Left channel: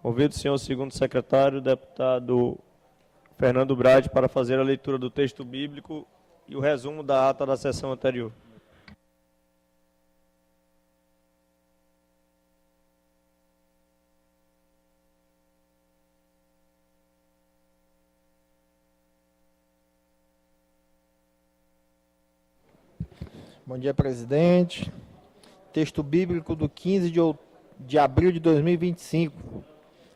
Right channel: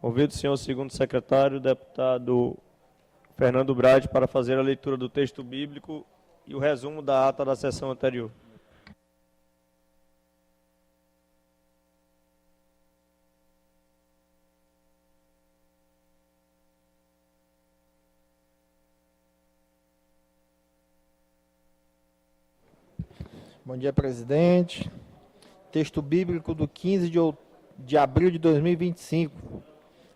Convido o senhor segundo secretário, deputado Fernando Brade, para fazer a leitura do texto bíblico e o resumo da ata da sessão anterior. Bom dia, presidente. Texto bíblico do 15 de abril de 2025.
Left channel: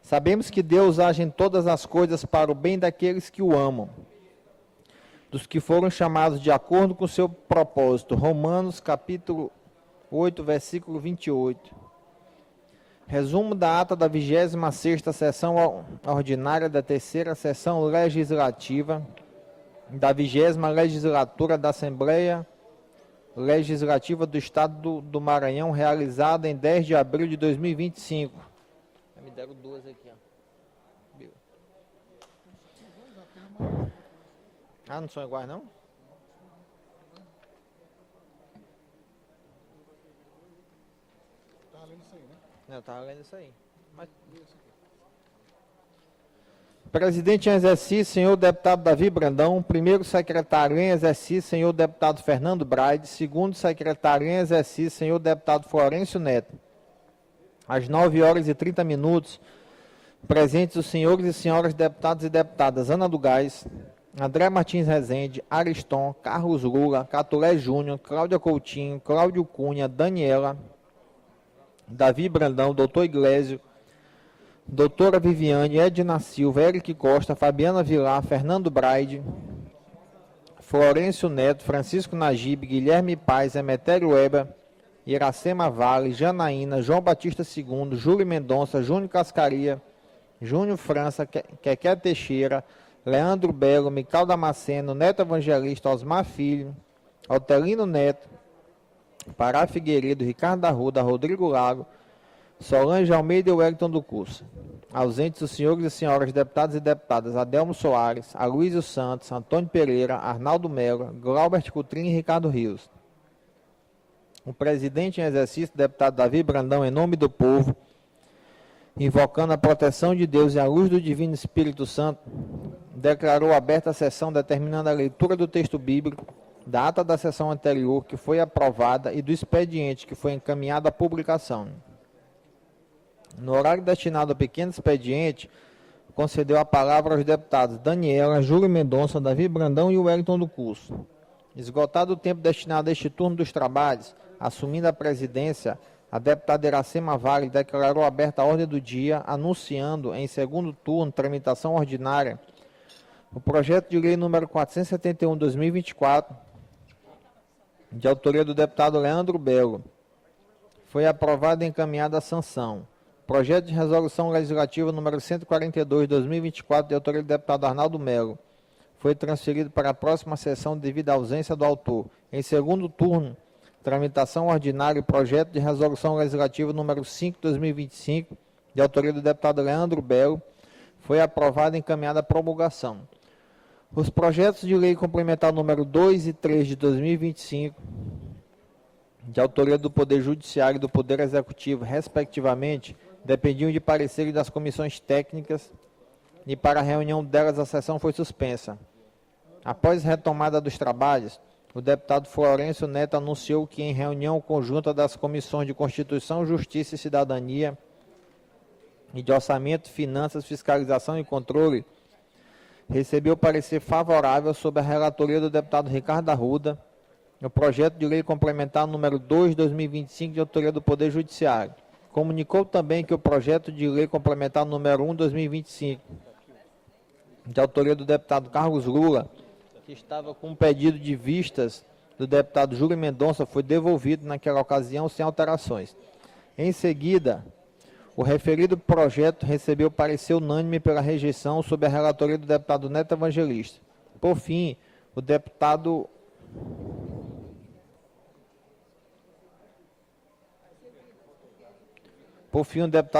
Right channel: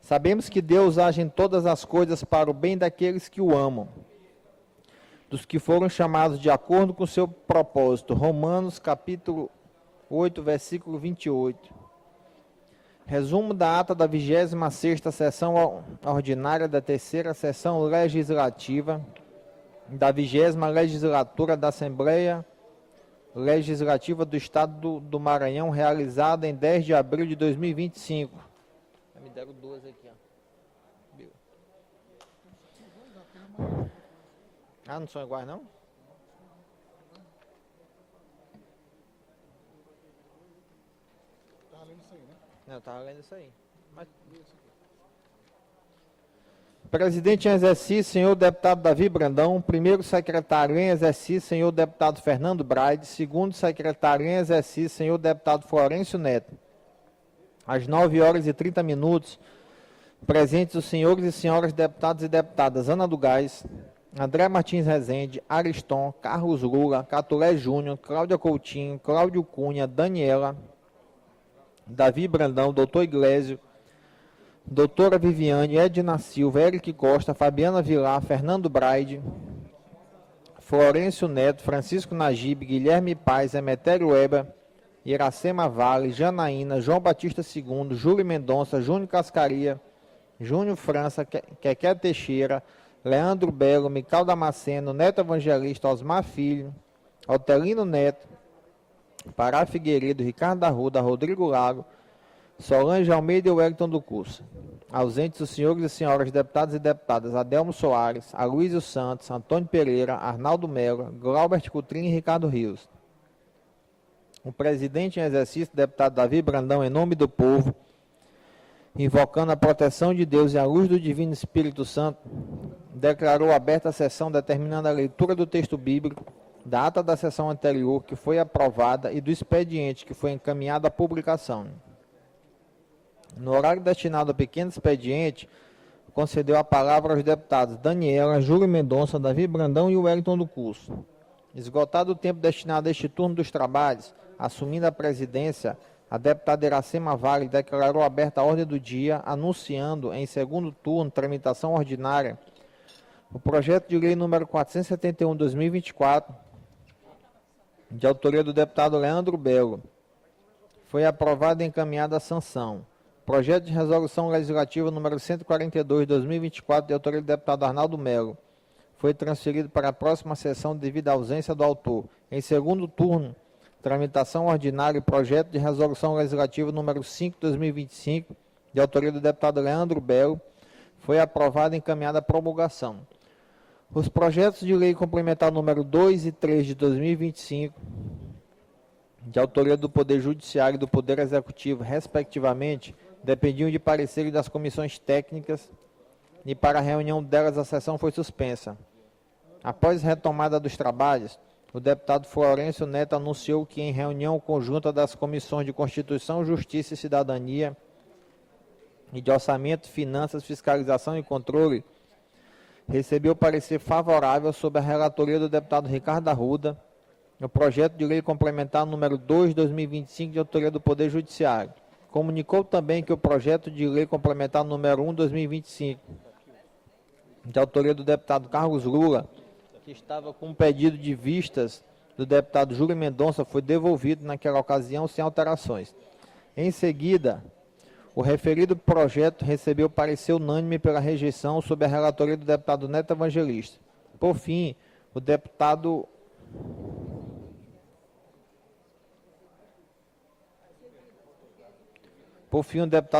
Sabemos que Deus age em todas as coisas para o bem daqueles que o amam, dos que foram chamados de acordo com o seu propósito. Romanos, capítulo 8, versículo 28. Resumo da ata da 26ª sessão ordinária da 3ª sessão legislativa da 20ª legislatura da Assembleia Legislativa do Estado do Maranhão, realizada em 10 de abril de 2025. Me deram duas aqui, ó. Ah, não são iguais, não? Tá lendo isso aí, né? Eu tava lendo isso aí. Presidente em exercício, senhor deputado Davi Brandão. Primeiro secretário em exercício, senhor deputado Fernando Brade. Segundo secretário em exercício, senhor deputado Florencio Neto. Às 9h30, presentes os senhores e senhoras deputados e deputadas Ana do Gás, André Martins Rezende, Ariston, Carlos Lula, Catulé Júnior, Cláudia Coutinho, Cláudio Cunha, Daniela, Davi Brandão, doutor Iglesio, doutora Viviane, Edna Silva, Eric Costa, Fabiana Vilar, Fernando Braide, Florencio Neto, Francisco Najib, Guilherme Paz, Emetério Weber, Iracema Vale, Janaína, João Batista II, Júlio Mendonça, Júnior Cascaria, Júnior França, Quequé Teixeira, Leandro Belo, Mical Damasceno, Neto Evangelista, Osmar Filho, Otelino Neto, Pará Figueiredo, Ricardo Arruda, Rodrigo Lago, Solange Almeida e Wellington do Curso. Ausentes os senhores e senhoras deputados e deputadas Adelmo Soares, Aloysio Santos, Antônio Pereira, Arnaldo Melo, Glaubert Coutrinho e Ricardo Rios. O presidente em exercício, deputado Davi Brandão, em nome do povo, invocando a proteção de Deus e a luz do Divino Espírito Santo, declarou aberta a sessão determinando a leitura do texto bíblico, da ata da sessão anterior, que foi aprovada, e do expediente, que foi encaminhado à publicação. No horário destinado ao pequeno expediente, concedeu a palavra aos deputados Daniela, Júlio Mendonça, Davi Brandão e Wellington do Curso. Esgotado o tempo destinado a este turno dos trabalhos, assumindo a presidência, a deputada Iracema Vale declarou aberta a ordem do dia, anunciando em segundo turno, tramitação ordinária, o projeto de lei número 471/2024, de autoria do deputado Leandro Belo. Foi aprovado e encaminhado à sanção. Projeto de resolução legislativa número 142/2024, de autoria do deputado Arnaldo Melo. Foi transferido para a próxima sessão devido à ausência do autor. Em segundo turno, tramitação ordinária e projeto de resolução legislativa número 5/2025, de autoria do deputado Leandro Belo. Foi aprovado e encaminhado à promulgação. Os projetos de lei complementar número 2 e 3 de 2025, de autoria do Poder Judiciário e do Poder Executivo, respectivamente, dependiam de pareceres das comissões técnicas e para a reunião delas a sessão foi suspensa. Após retomada dos trabalhos, o deputado Florencio Neto anunciou que em reunião conjunta das comissões de Constituição, Justiça e Cidadania e de Orçamento, Finanças, Fiscalização e Controle, recebeu parecer favorável sobre a relatoria do deputado Ricardo Arruda, no projeto de lei complementar número 2 de 2025, de autoria do Poder Judiciário. Comunicou também que o projeto de lei complementar número 1 de 2025, de autoria do deputado Carlos Lula, que estava com um pedido de vistas do deputado Júlio Mendonça, foi devolvido naquela ocasião sem alterações. Em seguida, o referido projeto recebeu parecer unânime pela rejeição sob a relatoria do deputado Neto Evangelista. Por fim, o deputado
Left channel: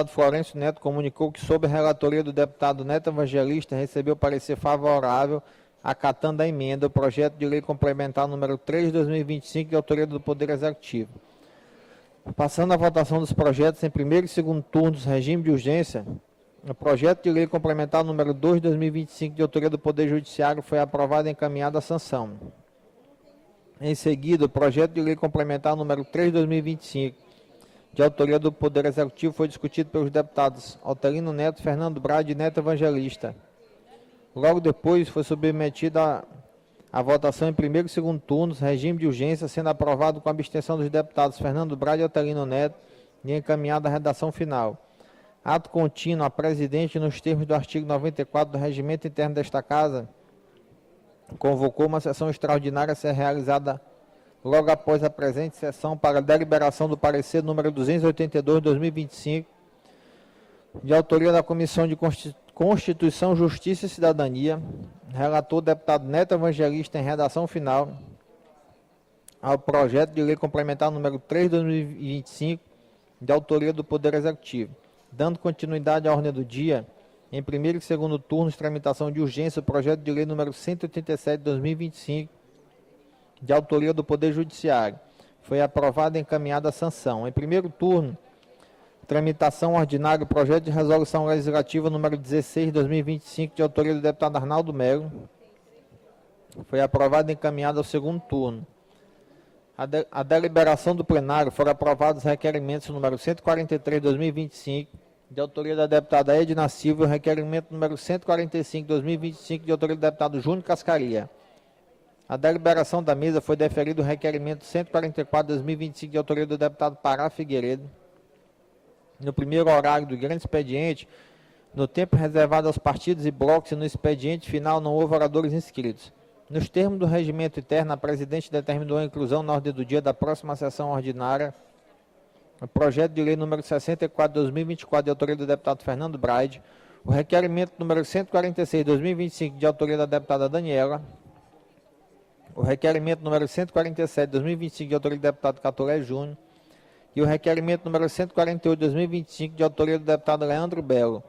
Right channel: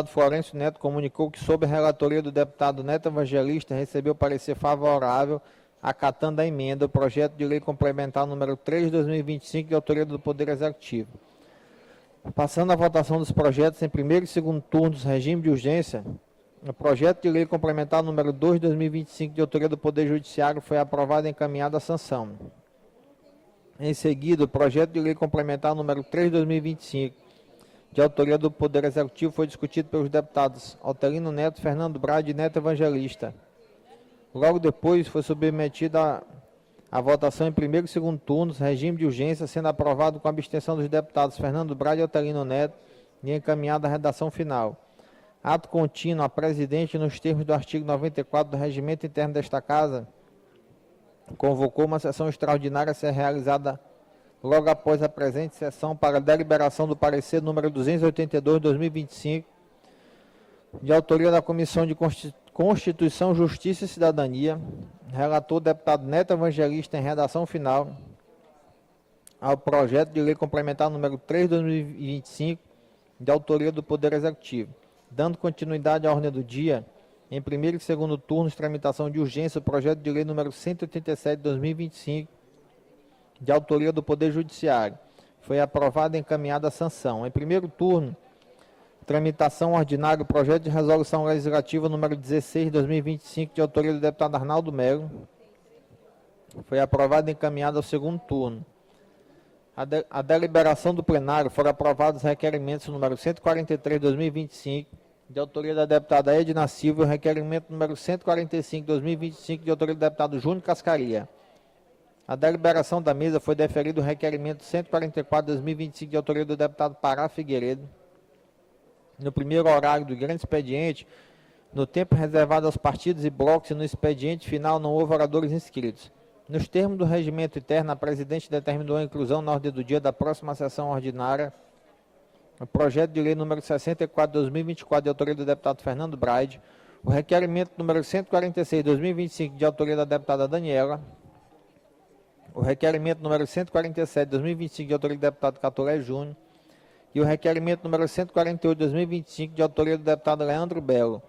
Florencio Neto comunicou que, sob a relatoria do deputado Neto Evangelista, recebeu parecer favorável, acatando a emenda, o projeto de lei complementar número 3 de 2025, de autoria do Poder Executivo. Passando à votação dos projetos em primeiro e segundo turnos, regime de urgência, O projeto de lei complementar número 2 de 2025, de autoria do Poder Judiciário, foi aprovado e encaminhado à sanção. Em seguida, o projeto de lei complementar número 3 de 2025, de autoria do Poder Executivo, foi discutido pelos deputados Altelino Neto, Fernando Brade e Neto Evangelista. Logo depois, foi submetido à votação em primeiro e segundo turnos, regime de urgência, sendo aprovado com a abstenção dos deputados Fernando Brade e Altelino Neto e encaminhado à redação final. Ato contínuo, a presidente, nos termos do artigo 94 do Regimento Interno desta Casa, convocou uma sessão extraordinária a ser realizada logo após a presente sessão para a deliberação do parecer número 282 de 2025, de autoria da Comissão de Constituição, Justiça e Cidadania, relator o deputado Neto Evangelista em redação final, ao projeto de lei complementar número 3 de 2025, de autoria do Poder Executivo. Dando continuidade à ordem do dia, em primeiro e segundo turnos, tramitação de urgência, o projeto de lei número 187 de 2025, de autoria do Poder Judiciário. Foi aprovado e encaminhado à sanção. Em primeiro turno, tramitação ordinária, o projeto de resolução legislativa número 16 de 2025, de autoria do deputado Arnaldo Melo. Foi aprovado e encaminhado ao segundo turno. A deliberação do plenário foram aprovados os requerimentos número 143 de 2025, de autoria da deputada Edna Silva, e o requerimento número 145 de 2025, de autoria do deputado Júnior Cascaria. A deliberação da mesa foi deferido o requerimento 144 de 2025, de autoria do deputado Pará Figueiredo. No primeiro horário do grande expediente, no tempo reservado aos partidos e blocos, e no expediente final não houve oradores inscritos. Nos termos do regimento interno, a presidente determinou a inclusão na ordem do dia da próxima sessão ordinária o projeto de lei número 64 de 2024, de autoria do deputado Fernando Brade, o requerimento número 146 de 2025, de autoria da deputada Daniela, o requerimento número 147 de 2025, de autoria do deputado Catoré Júnior, e o requerimento número 148 de 2025, de autoria do deputado Leandro Belo.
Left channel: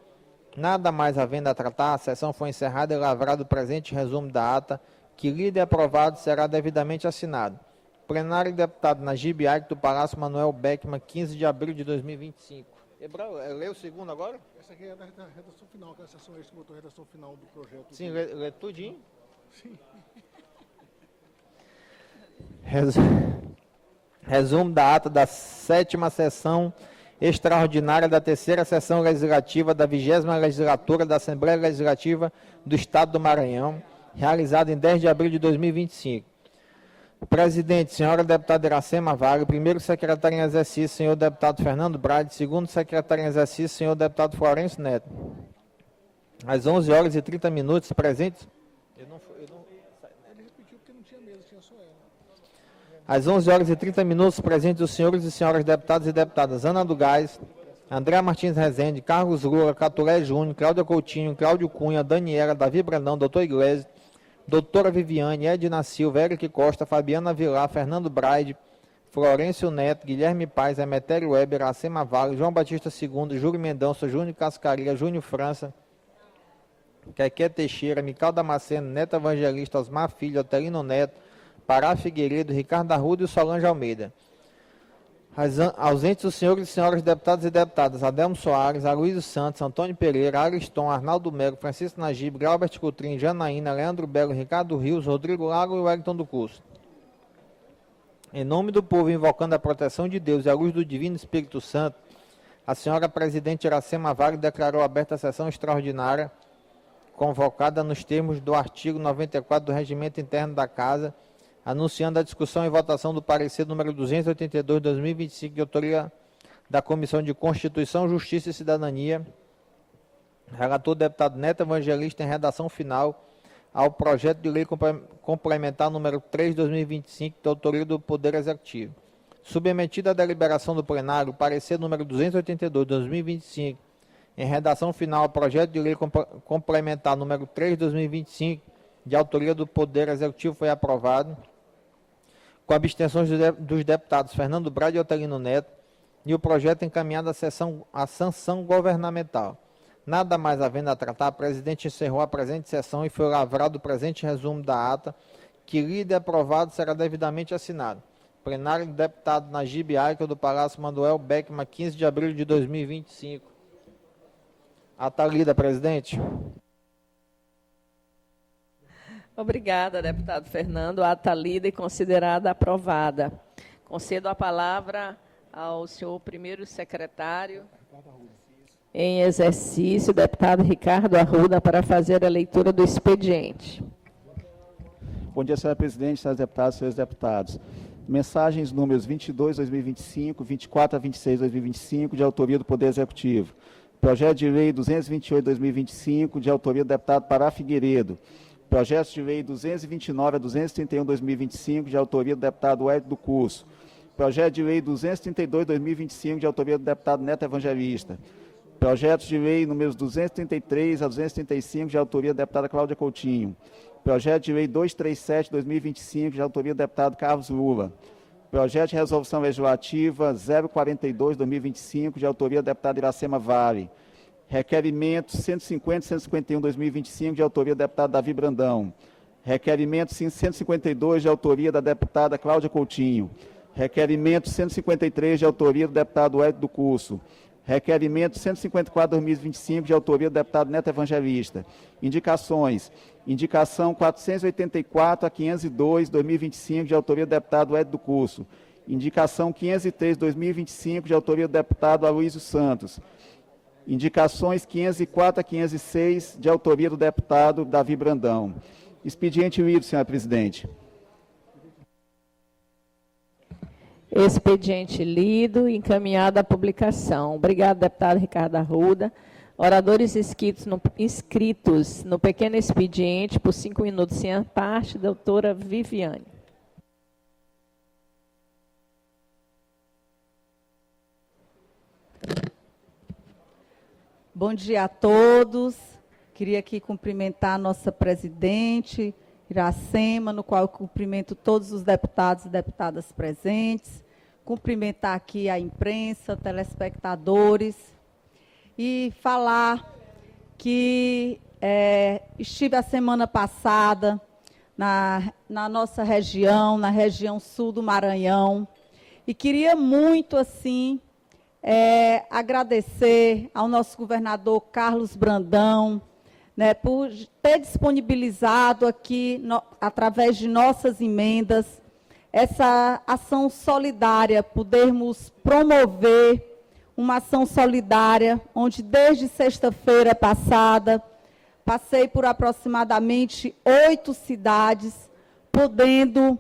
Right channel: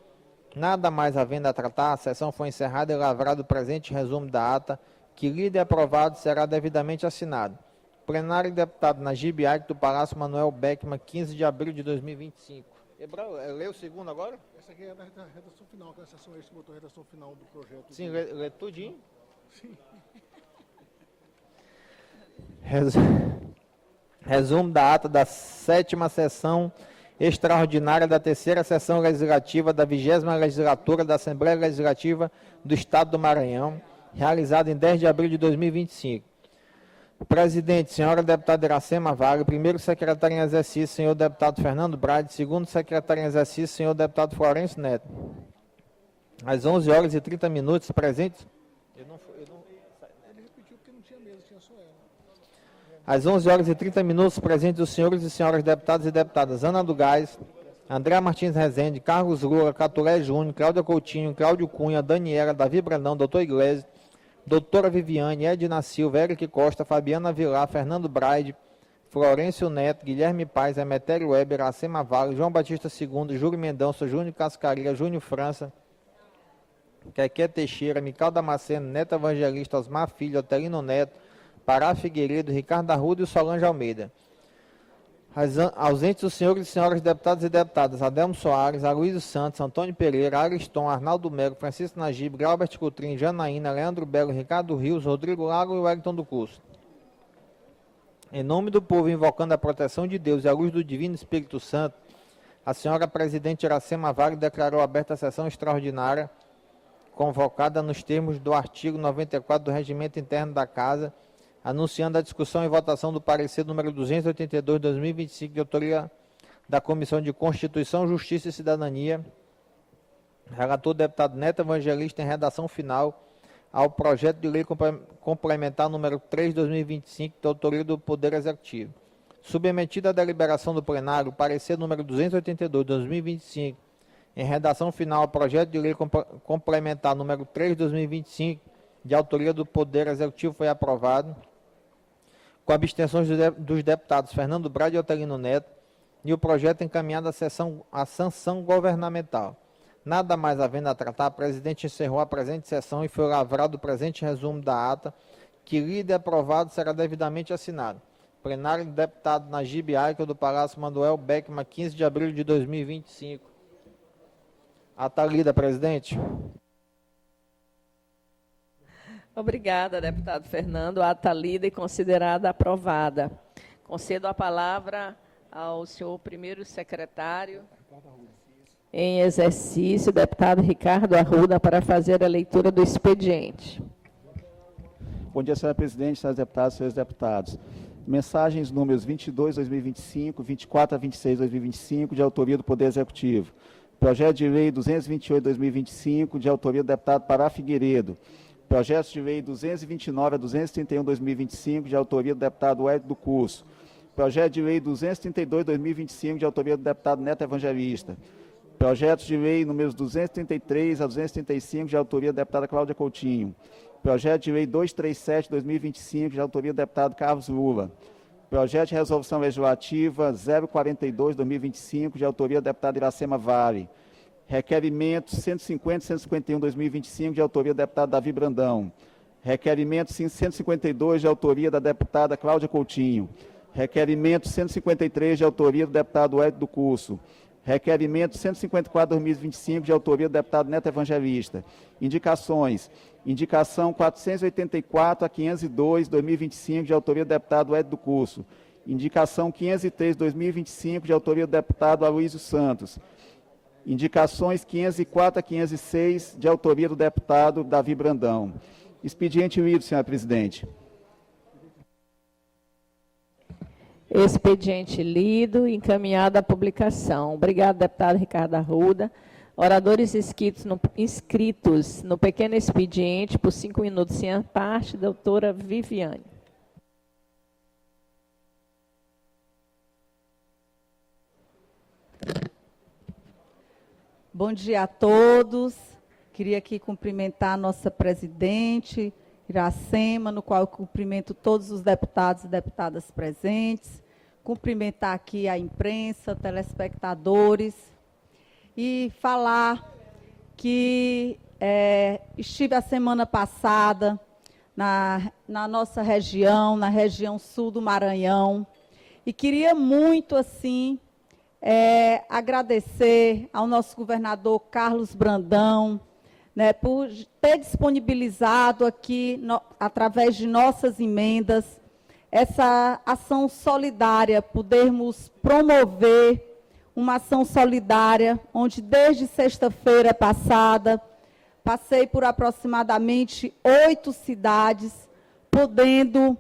Nada mais havendo a tratar, a sessão foi encerrada e lavrado o presente resumo da ata, que, lido e aprovado, será devidamente assinado. Plenário de deputado Najib Aik, do Palácio Manuel Beckman, 15 de abril de 2025. Lê o segundo agora? Essa aqui é da redação final, que é a sessão esse botou a redação final do projeto. Sim, lê tudinho. Sim. Resumo da ata da 7ª sessão extraordinária da 3ª sessão legislativa da 20ª legislatura da Assembleia Legislativa do Estado do Maranhão, realizada em 10 de abril de 2025. O presidente, senhora deputada Iracema Vale, primeiro secretário em exercício, senhor deputado Fernando Brade, segundo secretário em exercício, senhor deputado Florencio Neto. Às 11h30, presentes. Ele repetiu porque não tinha mesa, tinha só ela. Às 11h30, presentes os senhores e senhoras deputados e deputadas Ana do Gás, André Martins Rezende, Carlos Lula, Catulé Júnior, Cláudia Coutinho, Cláudio Cunha, Daniela, Davi Brandão, doutor Iglesias, doutora Viviane, Edna Silva, Eric Costa, Fabiana Vilar, Fernando Braide, Florencio Neto, Guilherme Paes, Emetério Weber, Iracema Vale, João Batista II, Júlio Mendonça, Júnior Cascaria, Júnior França, Quequé Teixeira, Mical Damasceno, Neto Evangelista, Osmar Filho, Otelino Neto, Pará Figueiredo, Ricardo Arruda e Solange Almeida. Ausentes os senhores e senhoras deputados e deputadas Adelmo Soares, Aloysio Santos, Antônio Pereira, Ariston, Arnaldo Melo, Francisco Najib, Glauber Coutrinho, Janaína, Leandro Belo, Ricardo Rios, Rodrigo Lago e Wellington do Curso. Em nome do povo, invocando a proteção de Deus e a luz do Divino Espírito Santo, a senhora presidente Iracema Vale declarou aberta a sessão extraordinária, convocada nos termos do artigo 94 do Regimento Interno da Casa, anunciando a discussão e votação do parecer número 282 de 2025, de autoria da Comissão de Constituição, Justiça e Cidadania, relator deputado Neto Evangelista em redação final, ao projeto de lei complementar número 3 de 2025, de autoria do Poder Executivo. Submetido à deliberação do plenário, o parecer número 282 de 2025, em redação final ao projeto de lei complementar número 3 de 2025, de autoria do Poder Executivo, foi aprovado, com abstenções dos deputados Fernando Brade e Otelino Neto, e o projeto encaminhado à sanção governamental. Nada mais havendo a tratar, a presidente encerrou a presente sessão e foi lavrado o presente resumo da ata, que, lido e aprovado, será devidamente assinado. Plenário do deputado Najib Aik, do Palácio Manuel Beckman, 15 de abril de 2025. Atalida, presidente. Obrigada, deputado Fernando. A ata lida e considerada aprovada. Concedo a palavra ao senhor primeiro secretário em exercício, deputado Ricardo Arruda, para fazer a leitura do expediente. Bom dia, senhora presidente, senhoras deputadas e senhores deputados. Mensagens números 22, 2025, 24 a 26, 2025, de autoria do Poder Executivo. Projeto de Lei 228, 2025, de autoria do deputado Pará Figueiredo. Projeto de Lei 229 a 231, 2025, de autoria do deputado Hélio do Curso. Projeto de Lei 232, 2025, de autoria do deputado Neto Evangelista. Projetos de Lei números 233 a 235, de autoria da deputada Cláudia Coutinho. Projeto de Lei 237, 2025, de autoria do deputado Carlos Lula. Projeto de Resolução Legislativa 042, 2025, de autoria do deputado Iracema Vale. Requerimento 150 e 151, 2025, de autoria do deputado Davi Brandão. Requerimento 152, de autoria da deputada Cláudia Coutinho. Requerimento 153, de autoria do deputado Hélio do Curso. Requerimento 154, 2025, de autoria do deputado Neto Evangelista. Indicações. Indicação 484 a 502, 2025, de autoria do deputado Hélio do Curso. Indicação 503, 2025, de autoria do deputado Aloysio Santos. Indicações 504 a 506, de autoria do deputado Davi Brandão. Expediente lido, senhora presidente. Expediente lido e encaminhado à publicação. Obrigado, deputado Ricardo Arruda. Oradores inscritos no pequeno expediente, por 5 minutos em parte, doutora Viviane. Bom dia a todos. Queria aqui cumprimentar a nossa presidente, Iracema, no qual eu cumprimento todos os deputados e deputadas presentes. Cumprimentar aqui a imprensa, telespectadores. E falar que estive a semana passada na nossa região, na região sul do Maranhão, e queria muito, assim, agradecer ao nosso governador Carlos Brandão, né, por ter disponibilizado aqui, através de nossas emendas, essa ação solidária, podermos promover uma ação solidária, onde desde sexta-feira passada, passei por aproximadamente 8 cidades, podendo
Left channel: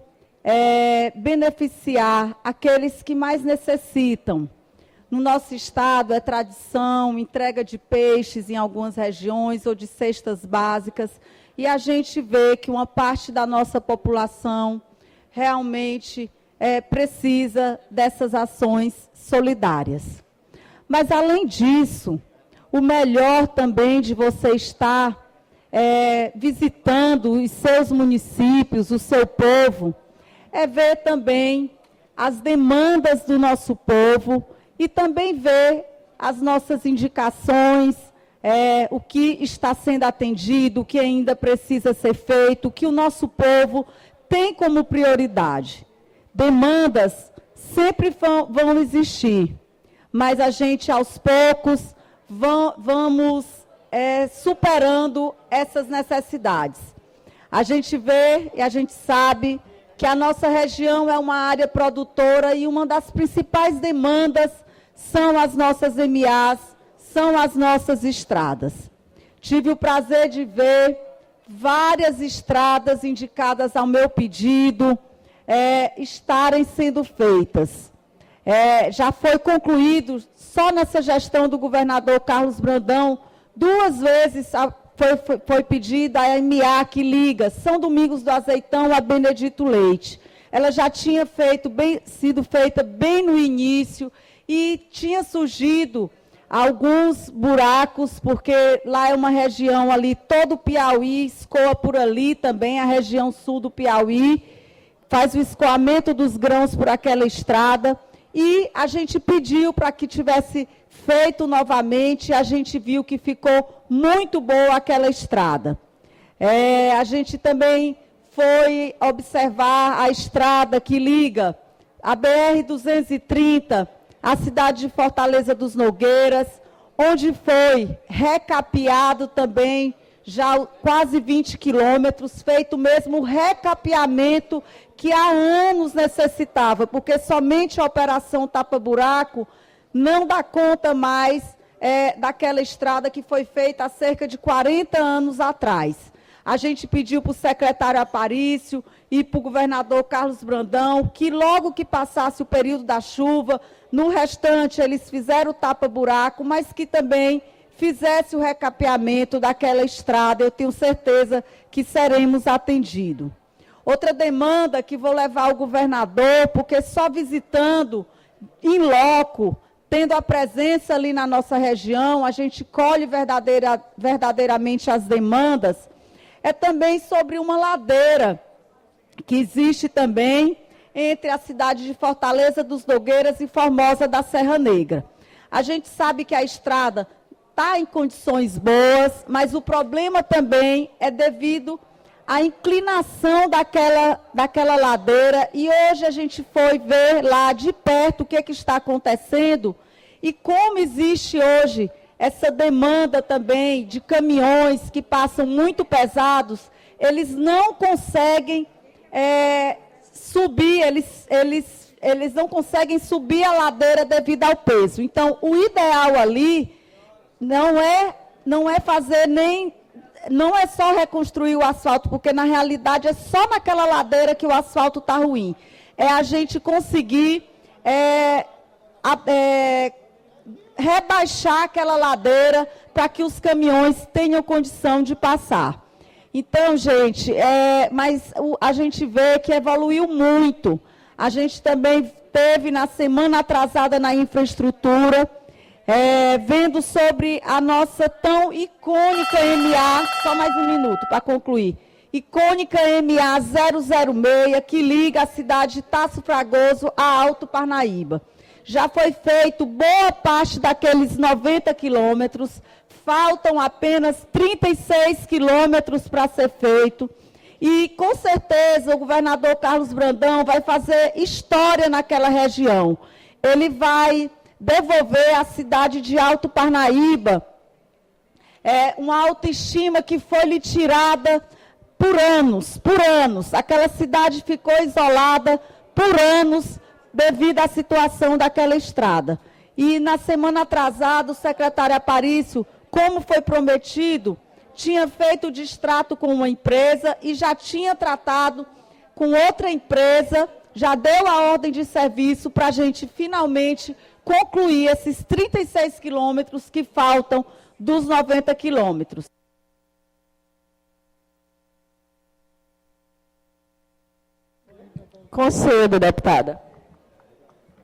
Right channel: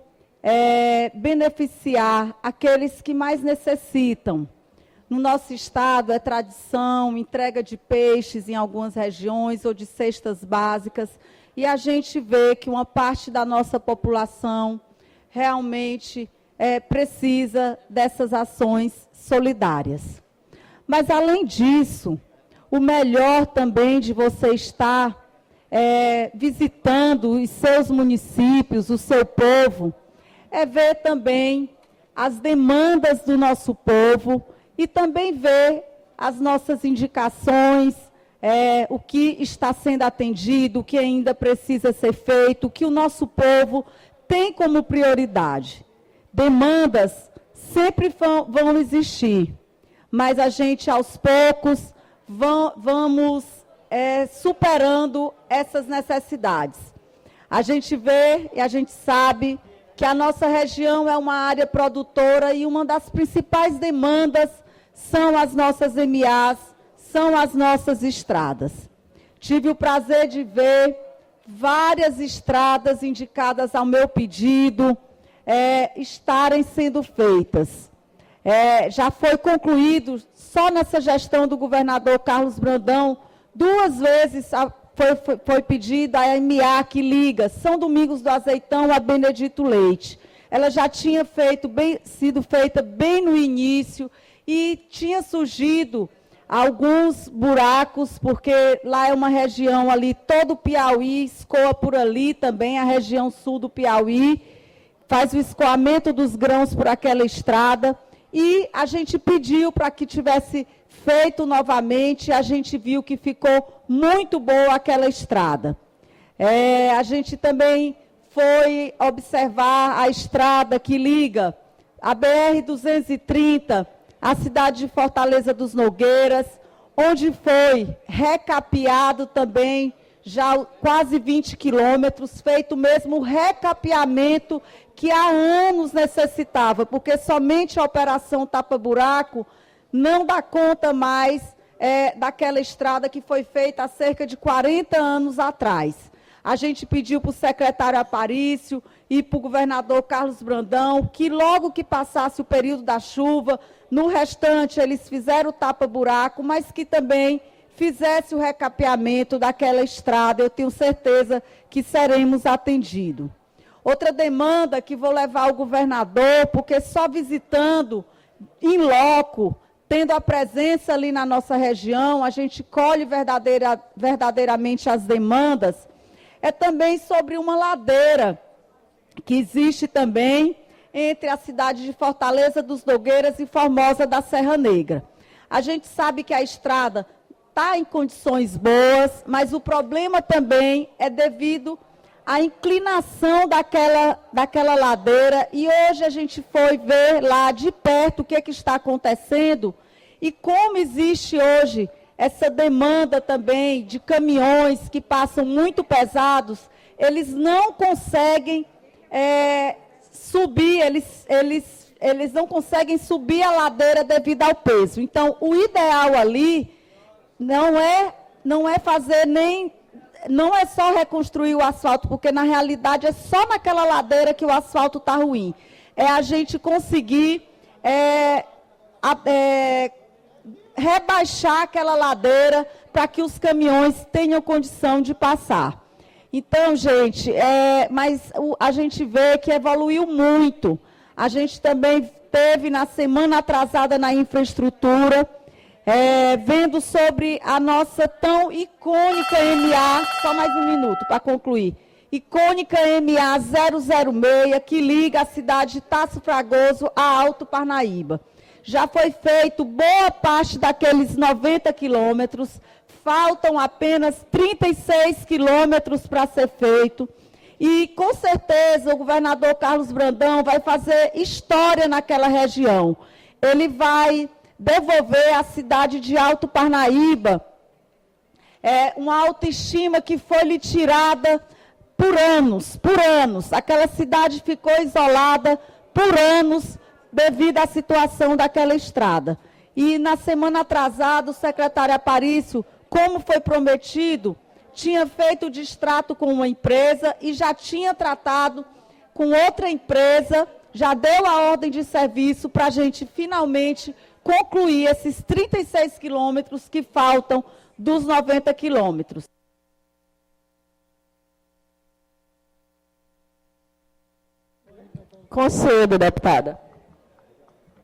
beneficiar aqueles que mais necessitam. No nosso estado é tradição, entrega de peixes em algumas regiões ou de cestas básicas, e a gente vê que uma parte da nossa população realmente precisa dessas ações solidárias. Mas, além disso, o melhor também de você estar visitando os seus municípios, o seu povo, é ver também as demandas do nosso povo e também ver as nossas indicações, o que está sendo atendido, o que ainda precisa ser feito, o que o nosso povo tem como prioridade. Demandas sempre vão existir, mas a gente, aos poucos, vamos superando essas necessidades. A gente vê e a gente sabe que a nossa região é uma área produtora e uma das principais demandas são as nossas MAs, são as nossas estradas. Tive o prazer de ver várias estradas indicadas ao meu pedido estarem sendo feitas. Já foi concluído, só nessa gestão do governador Carlos Brandão, 2 vezes foi pedida a MA que liga São Domingos do Azeitão a Benedito Leite. Ela já tinha sido feita bem no início e tinha surgido alguns buracos, porque lá é uma região ali, todo o Piauí escoa por ali também, a região sul do Piauí, faz o escoamento dos grãos por aquela estrada, e a gente pediu para que tivesse feito novamente, a gente viu que ficou muito boa aquela estrada. A gente também foi observar a estrada que liga a BR-230, a cidade de Fortaleza dos Nogueiras, onde foi recapeado também já quase 20 quilômetros, feito mesmo o recapeamento que há anos necessitava, porque somente a operação tapa-buraco não dá conta mais daquela estrada que foi feita há cerca de 40 anos atrás. A gente pediu para o secretário Aparício e para o governador Carlos Brandão que logo que passasse o período da chuva, no restante eles fizeram o tapa-buraco, mas que também fizesse o recapeamento daquela estrada. Eu tenho certeza que seremos atendidos. Outra demanda que vou levar ao governador, porque só visitando em loco, tendo a presença ali na nossa região, a gente colhe verdadeiramente as demandas, é também sobre uma ladeira que existe também entre a cidade de Fortaleza dos Nogueiras e Formosa da Serra Negra. A gente sabe que a estrada está em condições boas, mas o problema também é devido à inclinação daquela ladeira, e hoje a gente foi ver lá de perto o que está acontecendo e como existe hoje essa demanda também de caminhões que passam muito pesados, eles não conseguem subir, eles não conseguem subir a ladeira devido ao peso. Então, o ideal ali não é fazer não é só reconstruir o asfalto, porque na realidade é só naquela ladeira que o asfalto está ruim. É a gente conseguir rebaixar aquela ladeira para que os caminhões tenham condição de passar. Então, gente, mas a gente vê que evoluiu muito. A gente também teve na semana atrasada na infraestrutura, vendo sobre a nossa tão icônica MA, só mais um minuto para concluir, icônica MA 006, que liga a cidade de Tasso Fragoso a Alto Parnaíba. Já foi feito boa parte daqueles 90 quilômetros, faltam apenas 36 quilômetros para ser feito, e com certeza o governador Carlos Brandão vai fazer história naquela região. Ele vai devolver à cidade de Alto Parnaíba uma autoestima que foi lhe tirada por anos. Aquela cidade ficou isolada por anos devido à situação daquela estrada. E na semana atrasada, o secretário Aparício, como foi prometido, tinha feito o distrato com uma empresa e já tinha tratado com outra empresa, já deu a ordem de serviço para a gente finalmente concluir esses 36 quilômetros que faltam dos 90 quilômetros. Concedo, deputada.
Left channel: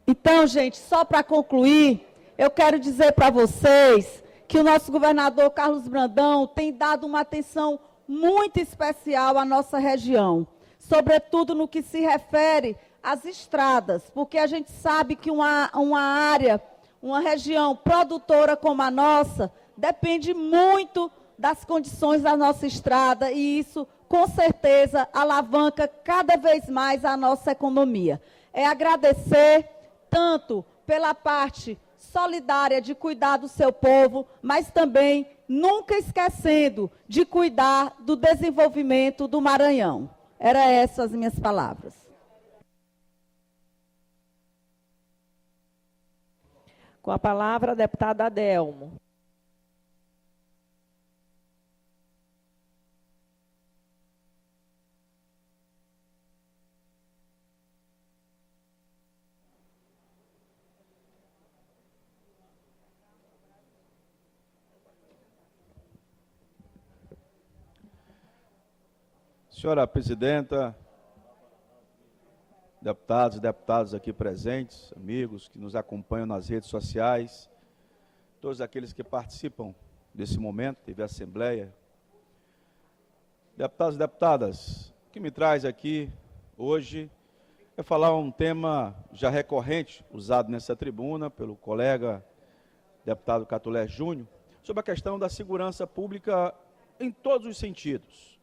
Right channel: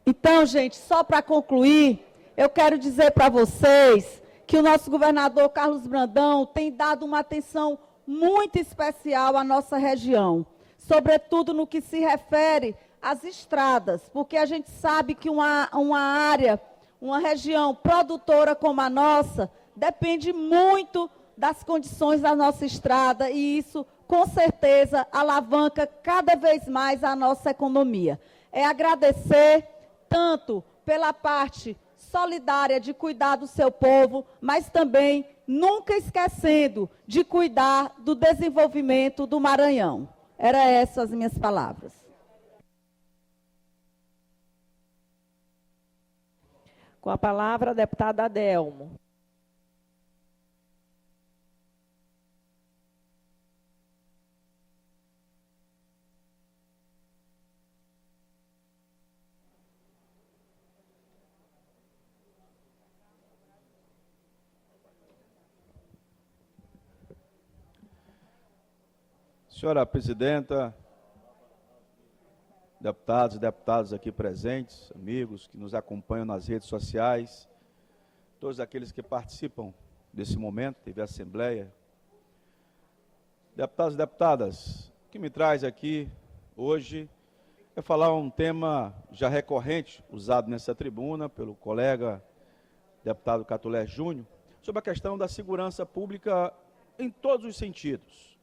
Então, gente, só para concluir, eu quero dizer para vocês que o nosso governador Carlos Brandão tem dado uma atenção muito especial à nossa região, sobretudo no que se refere às estradas, porque a gente sabe que uma área, uma região produtora como a nossa, depende muito das condições da nossa estrada, e isso, com certeza, alavanca cada vez mais a nossa economia. É agradecer tanto pela parte solidária de cuidar do seu povo, mas também nunca esquecendo de cuidar do desenvolvimento do Maranhão. Eram essas as minhas palavras. Com a palavra, a deputada Adelmo. Senhora presidenta, deputados e deputadas aqui presentes, amigos que nos acompanham nas redes sociais, todos aqueles que participam desse momento, teve a Assembleia. Deputados e deputadas, o que me traz aqui hoje é falar um tema já recorrente, usado nessa tribuna pelo colega deputado Catulé Júnior, sobre a questão da segurança pública em todos os sentidos.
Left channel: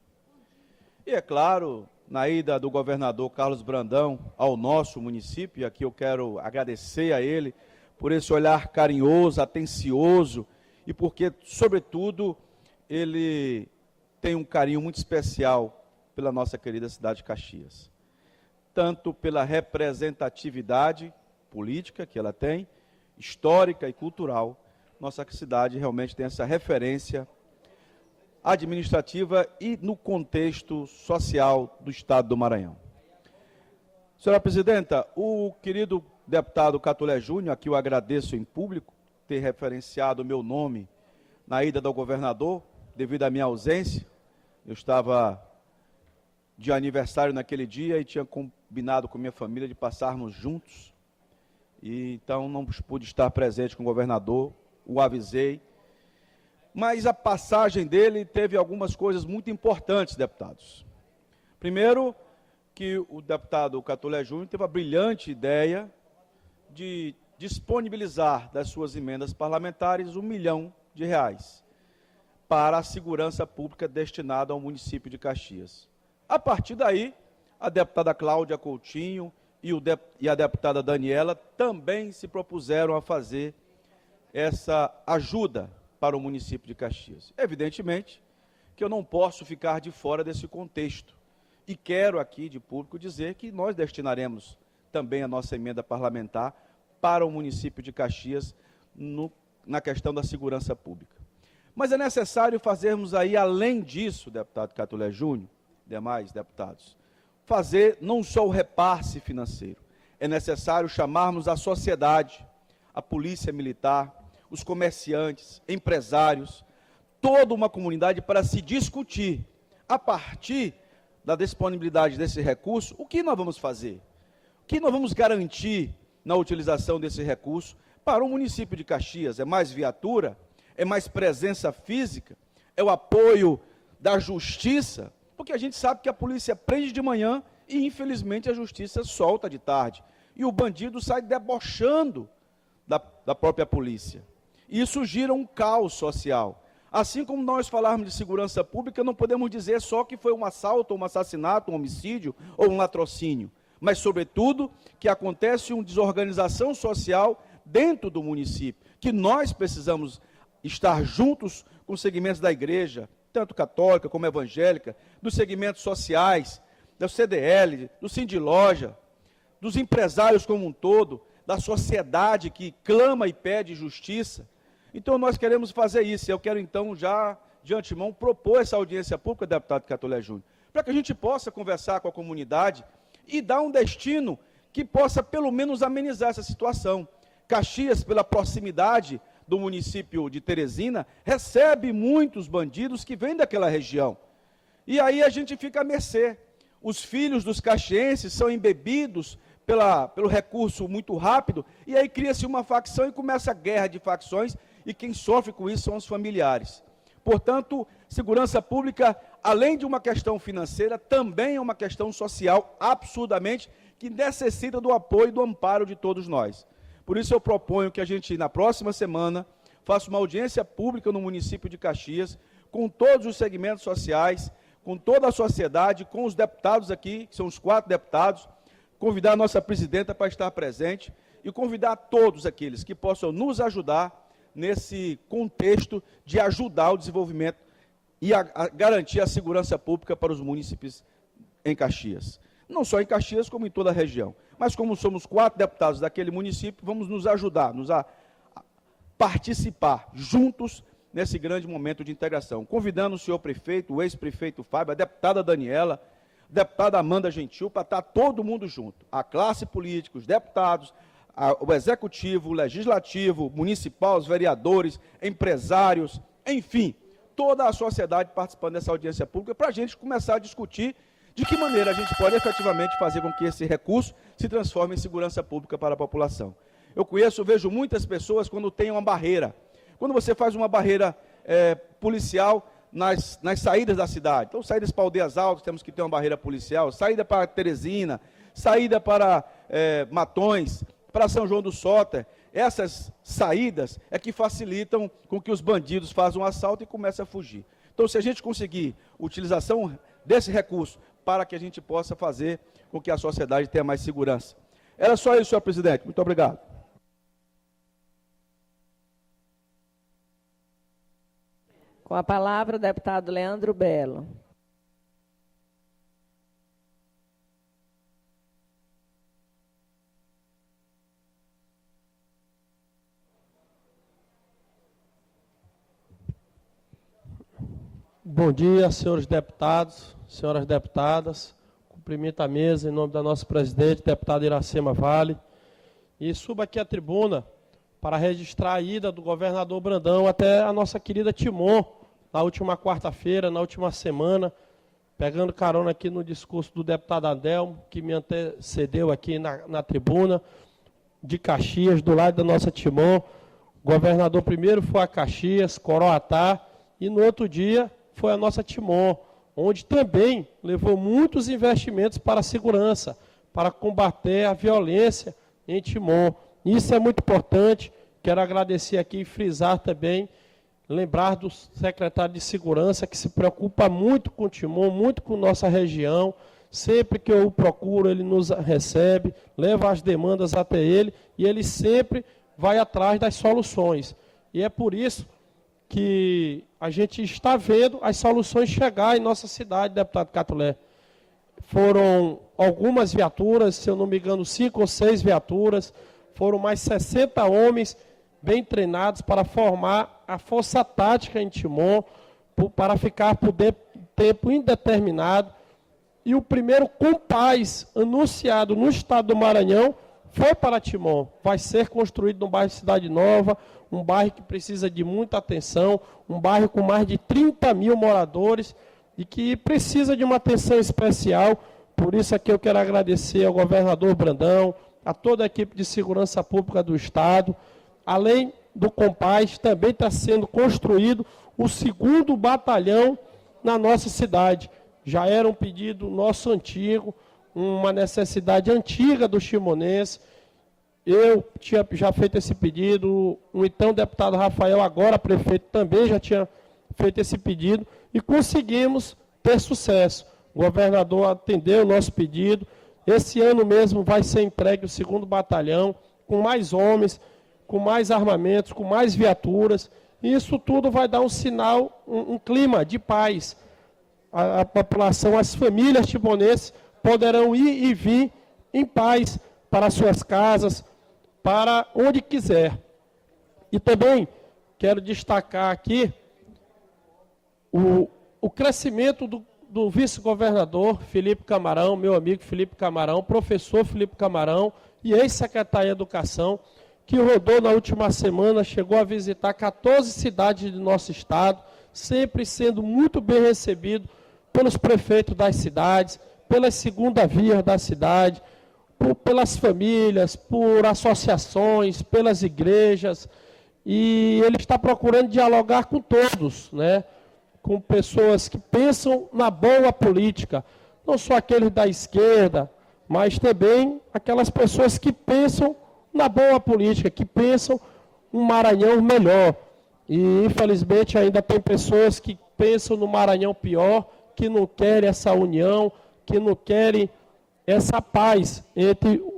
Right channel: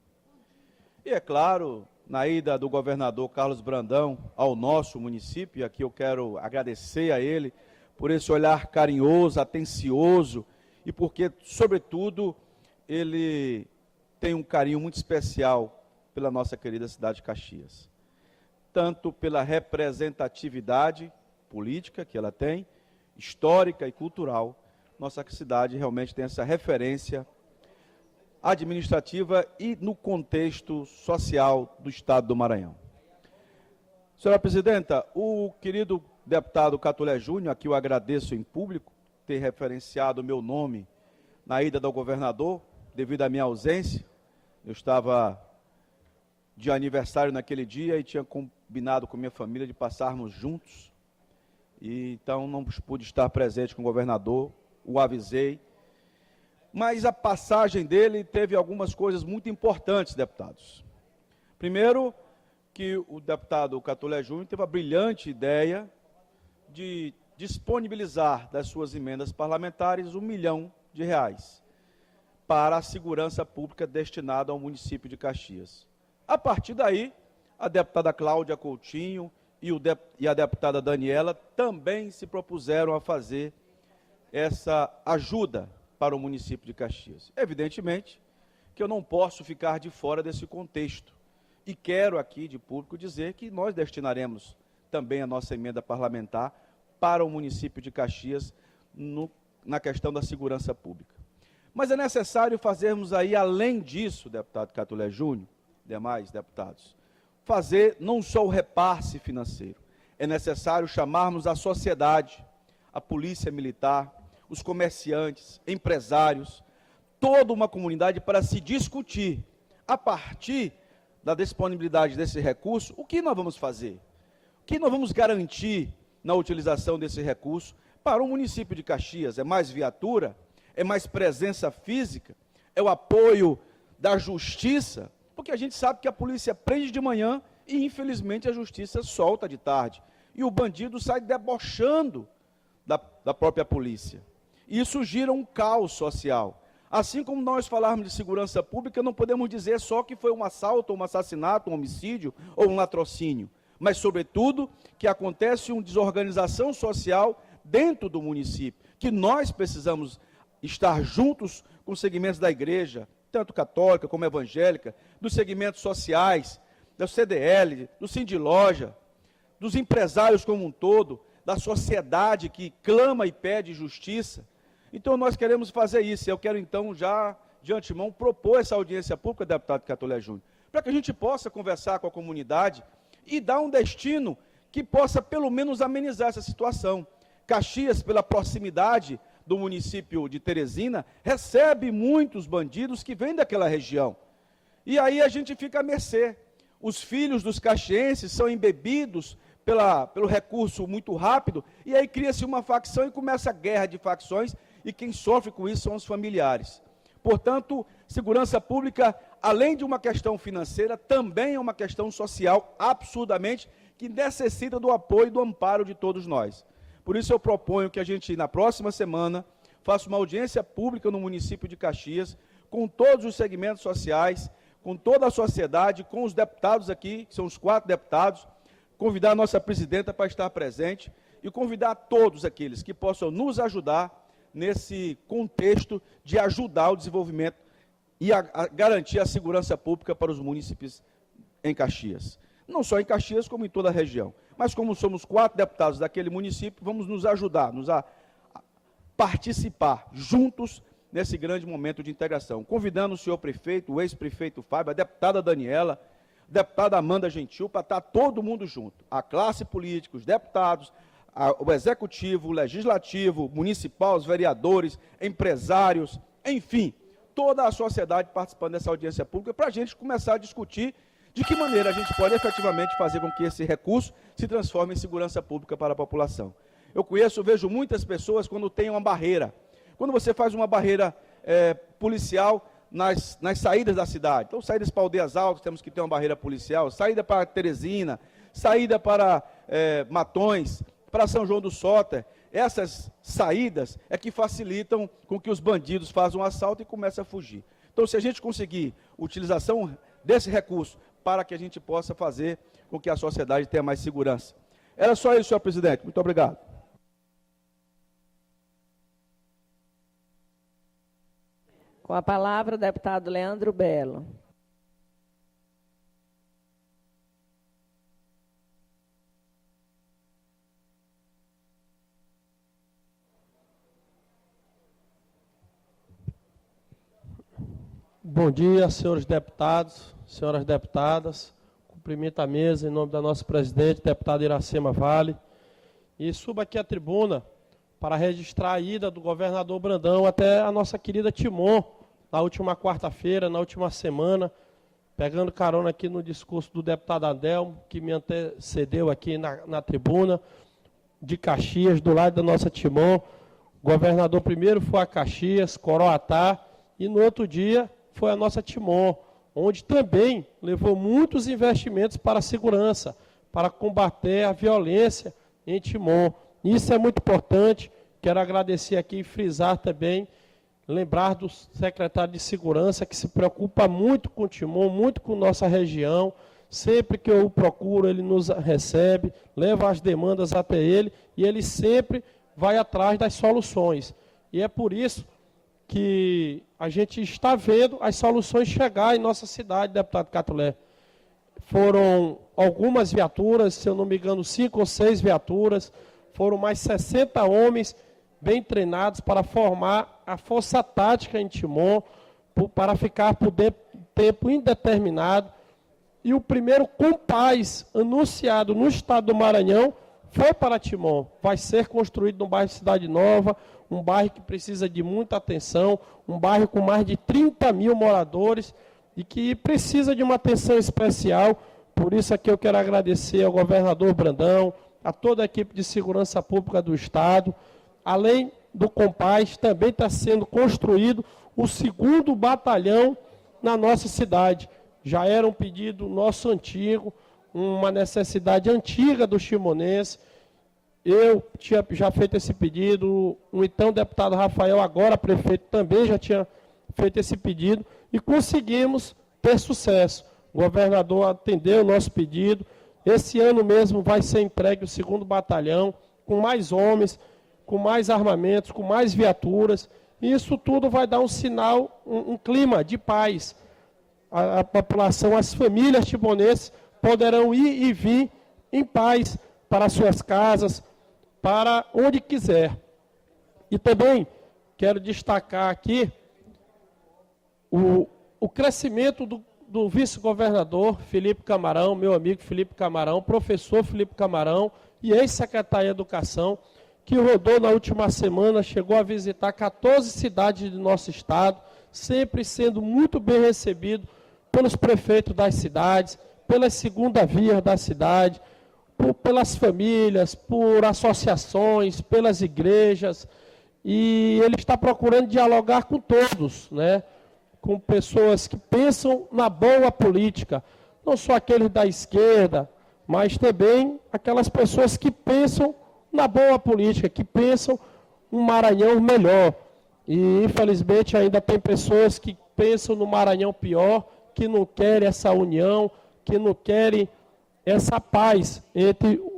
E é claro, na ida do governador Carlos Brandão ao nosso município, e aqui eu quero agradecer a ele por esse olhar carinhoso, atencioso e porque, sobretudo, ele tem um carinho muito especial pela nossa querida cidade de Caxias. Tanto pela representatividade política que ela tem, histórica e cultural, nossa cidade realmente tem essa referência administrativa e no contexto social do Estado do Maranhão. Senhora Presidenta, o querido deputado Catulé Júnior, a que eu agradeço em público, ter referenciado o meu nome na ida do governador, devido à minha ausência. Eu estava de aniversário naquele dia e tinha combinado com minha família de passarmos juntos. E então não pude estar presente com o governador, o avisei. Mas a passagem dele teve algumas coisas muito importantes, deputados. Primeiro, que o deputado Catulé Júnior teve a brilhante ideia de disponibilizar das suas emendas parlamentares R$ 1 milhão para a segurança pública destinada ao município de Caxias. A partir daí, a deputada Cláudia Coutinho e a deputada Daniela também se propuseram a fazer essa ajuda para o município de Caxias. Evidentemente que eu não posso ficar de fora desse contexto. E quero aqui, de público, dizer que nós destinaremos também a nossa emenda parlamentar para o município de Caxias na questão da segurança pública. Mas é necessário fazermos aí, além disso, deputado Catulé Júnior, demais deputados, fazer não só o repasse financeiro, é necessário chamarmos a sociedade, a polícia militar, os comerciantes, empresários, toda uma comunidade para se discutir, a partir da disponibilidade desse recurso, o que nós vamos fazer? O que nós vamos garantir na utilização desse recurso para o município de Caxias? É mais viatura? É mais presença física? É o apoio da justiça? Porque a gente sabe que a polícia prende de manhã e, infelizmente, a justiça solta de tarde. E o bandido sai debochando da própria polícia. E isso gira um caos social. Assim como nós falarmos de segurança pública, não podemos dizer só que foi um assalto, um assassinato, um homicídio ou um latrocínio, mas, sobretudo, que acontece uma desorganização social dentro do município, que nós precisamos estar juntos com os segmentos da igreja, tanto católica como evangélica, dos segmentos sociais, do CDL, do Sindiloja, dos empresários como um todo, da sociedade que clama e pede justiça. Então, nós queremos fazer isso. Eu quero, então, já de antemão, propor essa audiência pública, deputado Catulé Júnior, para que a gente possa conversar com a comunidade e dar um destino que possa, pelo menos, amenizar essa situação. Caxias, pela proximidade do município de Teresina, recebe muitos bandidos que vêm daquela região. E aí a gente fica à mercê. Os filhos dos caxienses são embebidos pelo recurso muito rápido, e aí cria-se uma facção e começa a guerra de facções, e quem sofre com isso são os familiares. Portanto, segurança pública, além de uma questão financeira, também é uma questão social, absurdamente, que necessita do apoio e do amparo de todos nós. Por isso eu proponho que a gente, na próxima semana, faça uma audiência pública no município de Caxias, com todos os segmentos sociais, com toda a sociedade, com os deputados aqui, que são os 4 deputados, convidar a nossa presidenta para estar presente e convidar todos aqueles que possam nos ajudar nesse contexto de ajudar o desenvolvimento e a garantir a segurança pública para os munícipes em Caxias. Não só em Caxias, como em toda a região. Mas como somos 4 deputados daquele município, vamos nos ajudar, a participar juntos nesse grande momento de integração. Convidando o senhor prefeito, o ex-prefeito Fábio, a deputada Daniela, a deputada Amanda Gentil, para estar todo mundo junto. A classe política, os deputados, o executivo, o legislativo, municipal, os vereadores, empresários, enfim, toda a sociedade participando dessa audiência pública, para a gente começar a discutir de que maneira a gente pode efetivamente fazer com que esse recurso se transforme em segurança pública para a população. Eu vejo muitas pessoas quando tem uma barreira. Quando você faz uma barreira policial nas saídas da cidade. Então, saídas para Aldeias Altas, temos que ter uma barreira policial, saída para Teresina, saída para Matões, para São João do Soter. Essas saídas é que facilitam com que os bandidos façam um assalto e comecem a fugir. Então, se a gente conseguir utilização desse recurso para que a gente possa fazer com que a sociedade tenha mais segurança. Era só isso, senhor presidente. Muito obrigado. Com a palavra, o deputado Leandro Belo. Bom dia, senhores deputados, senhoras deputadas. Cumprimento a mesa em nome da nossa presidente, deputada Iracema Vale. E subo aqui à tribuna para registrar a ida do governador Brandão até a nossa querida Timon, na última quarta-feira, na última semana, pegando carona aqui no discurso do deputado Adelmo, que me antecedeu aqui na tribuna, de Caxias, do lado da nossa Timon. O governador primeiro foi a Caxias, Coroatá, e no outro dia foi a nossa Timon, onde também levou muitos investimentos para a segurança, para combater a violência em Timon. Isso é muito importante. Quero agradecer aqui e frisar também, lembrar do secretário de Segurança, que se preocupa muito com Timon, muito com nossa região. Sempre que eu o procuro, ele nos recebe, leva as demandas até ele, e ele sempre vai atrás das soluções. E é por isso que a gente está vendo as soluções chegar em nossa cidade, deputado Catulé. Foram algumas viaturas, se eu não me engano, 5 ou 6 viaturas, foram mais 60 homens bem treinados para formar a força tática em Timon, para ficar por tempo indeterminado. E o primeiro compás anunciado no estado do Maranhão foi para Timon. Vai ser construído no bairro Cidade Nova, um bairro que precisa de muita atenção, um bairro com mais de 30 mil moradores e que precisa de uma atenção especial. Por isso aqui eu quero agradecer ao governador Brandão, a toda a equipe de segurança pública do estado. Além do compás, também está sendo construído o 2º batalhão na nossa cidade. Já era um pedido nosso antigo, uma necessidade antiga do chimonense. Eu tinha já feito esse pedido, o então deputado Rafael, agora prefeito, também já tinha feito esse pedido e conseguimos ter sucesso. O governador atendeu o nosso pedido. Esse ano mesmo vai ser entregue o 2º batalhão, com mais homens, com mais armamentos, com mais viaturas. E isso tudo vai dar um sinal, um clima de paz. A população, as famílias timonenses poderão ir e vir em paz para suas casas, para onde quiser. E também quero destacar aqui o crescimento do vice-governador Felipe Camarão, meu amigo Felipe Camarão, professor Felipe Camarão e ex-secretário de Educação, que rodou na última semana, chegou a visitar 14 cidades do nosso estado, sempre sendo muito bem recebido pelos prefeitos das cidades, pelas segunda vias da cidade, pelas famílias, por associações, pelas igrejas, e ele está procurando dialogar com todos, né? Com pessoas que pensam na boa política, não só aqueles da esquerda, mas também aquelas pessoas que pensam na boa política, que pensam um Maranhão melhor. E, infelizmente, ainda tem pessoas que pensam no Maranhão pior, que não querem essa união, que não querem essa paz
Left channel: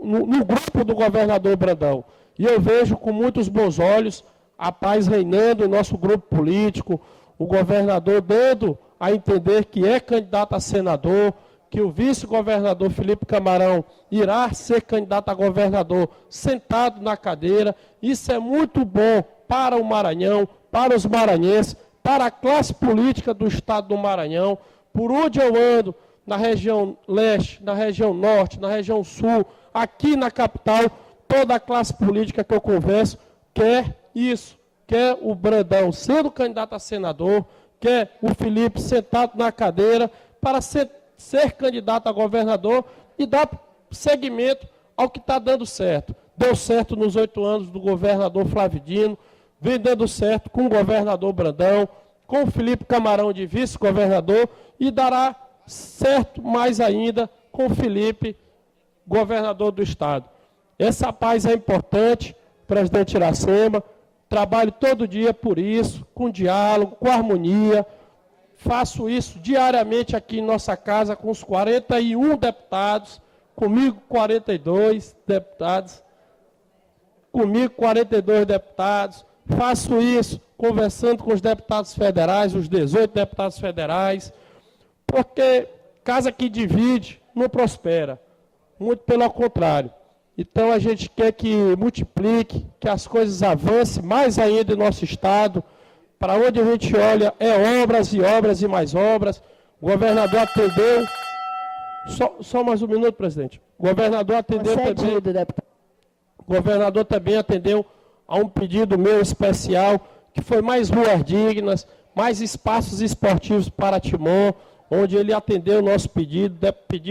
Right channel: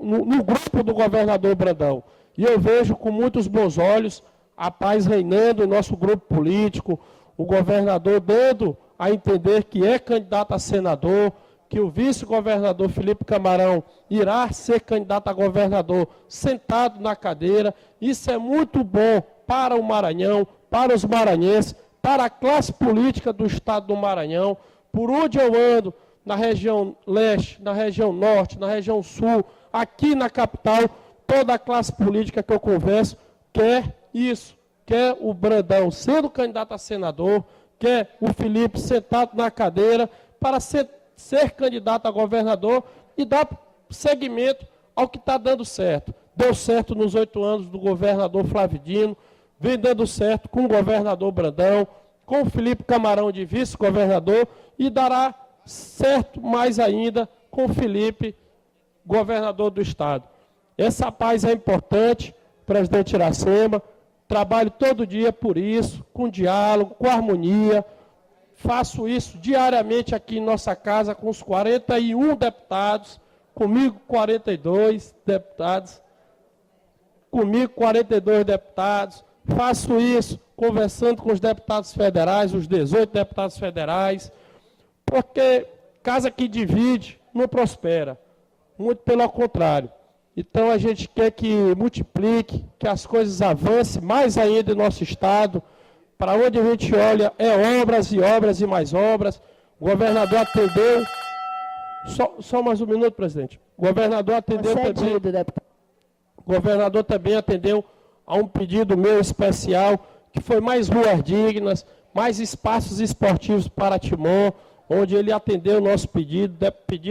no grupo do governador Brandão. E eu vejo com muitos bons olhos a paz reinando em nosso grupo político, o governador dando a entender que é candidato a senador, que o vice-governador Felipe Camarão irá ser candidato a governador sentado na cadeira. Isso é muito bom para o Maranhão, para os maranhenses, para a classe política do estado do Maranhão. Por onde eu ando, na região leste, na região norte, na região sul, aqui na capital, toda a classe política que eu converso quer isso, quer o Brandão sendo candidato a senador, quer o Felipe sentado na cadeira para ser candidato a governador e dar seguimento ao que está dando certo. Deu certo nos 8 anos do governador Flávio Dino, vem dando certo com o governador Brandão, com o Felipe Camarão de vice-governador e dará certo mais ainda com o Felipe, governador do estado. Essa paz é importante, presidente Iracema, trabalho todo dia por isso, com diálogo, com harmonia. Faço isso diariamente aqui em nossa casa com os 41 deputados, comigo 42 deputados, Faço isso conversando com os deputados federais, os 18 deputados federais, porque casa que divide não prospera, muito pelo contrário. Então a gente quer que multiplique, que as coisas avancem mais ainda em nosso estado. Para onde a gente olha é obras e obras e mais obras. O governador atendeu. Só mais um minuto, presidente. O governador atendeu também. O governador também atendeu a um pedido meu especial, que foi mais ruas dignas, mais espaços esportivos para Timon, onde ele atendeu o nosso pedido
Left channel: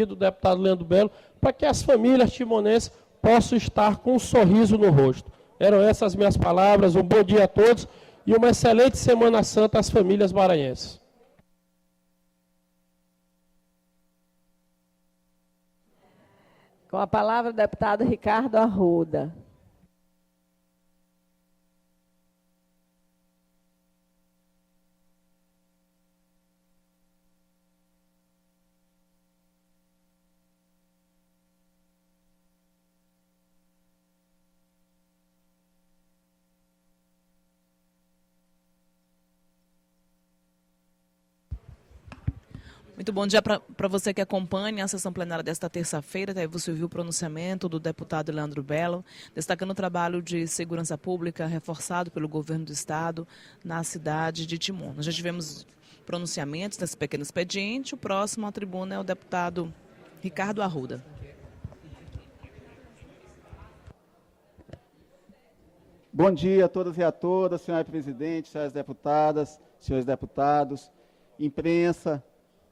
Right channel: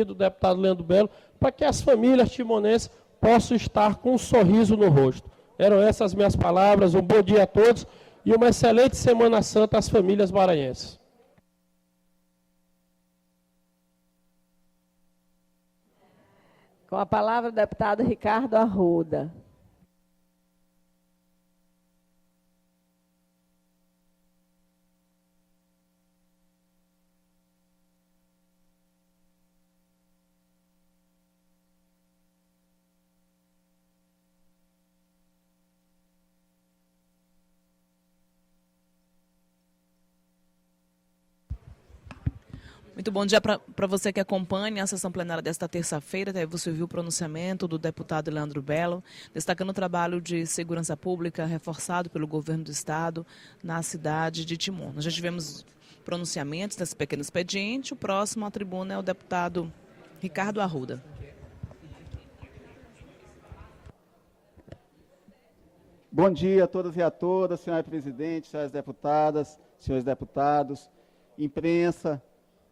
do deputado Leandro Belo, para que as famílias timonenses possam estar com um sorriso no rosto. Eram essas minhas palavras. Um bom dia a todos e uma excelente Semana Santa às famílias maranhenses. Com a palavra, o deputado Ricardo Arruda. Muito bom dia para você que acompanha a sessão plenária desta terça-feira. Você viu o pronunciamento do deputado Leandro Belo, destacando o trabalho de segurança pública reforçado pelo governo do estado na cidade de Timon. Nós já tivemos pronunciamentos desse pequeno expediente. O próximo à tribuna é o deputado Ricardo Arruda. Bom dia a todos e a todas, senhora presidente, senhoras deputadas, senhores deputados, imprensa,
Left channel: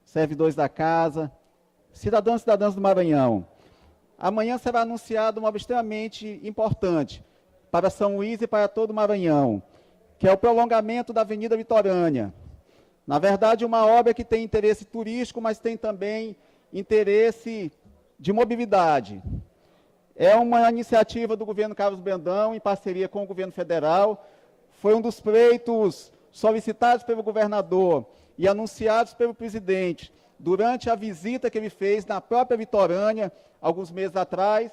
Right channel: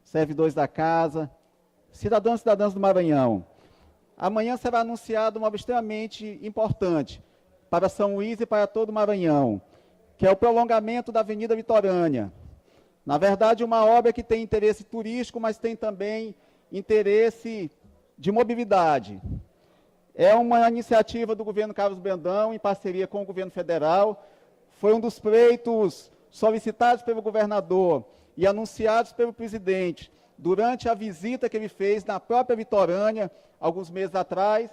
servidores da casa, cidadãos e cidadãs do Maranhão. Amanhã será anunciado uma obra extremamente importante para São Luís e para todo o Maranhão, que é o prolongamento da Avenida Vitorânia. Na verdade, uma obra que tem interesse turístico, mas tem também interesse de mobilidade. É uma iniciativa do governo Carlos Brandão, em parceria com o governo federal. Foi um dos pleitos solicitados pelo governador e anunciados pelo presidente durante a visita que ele fez na própria Vitorânia, alguns meses atrás,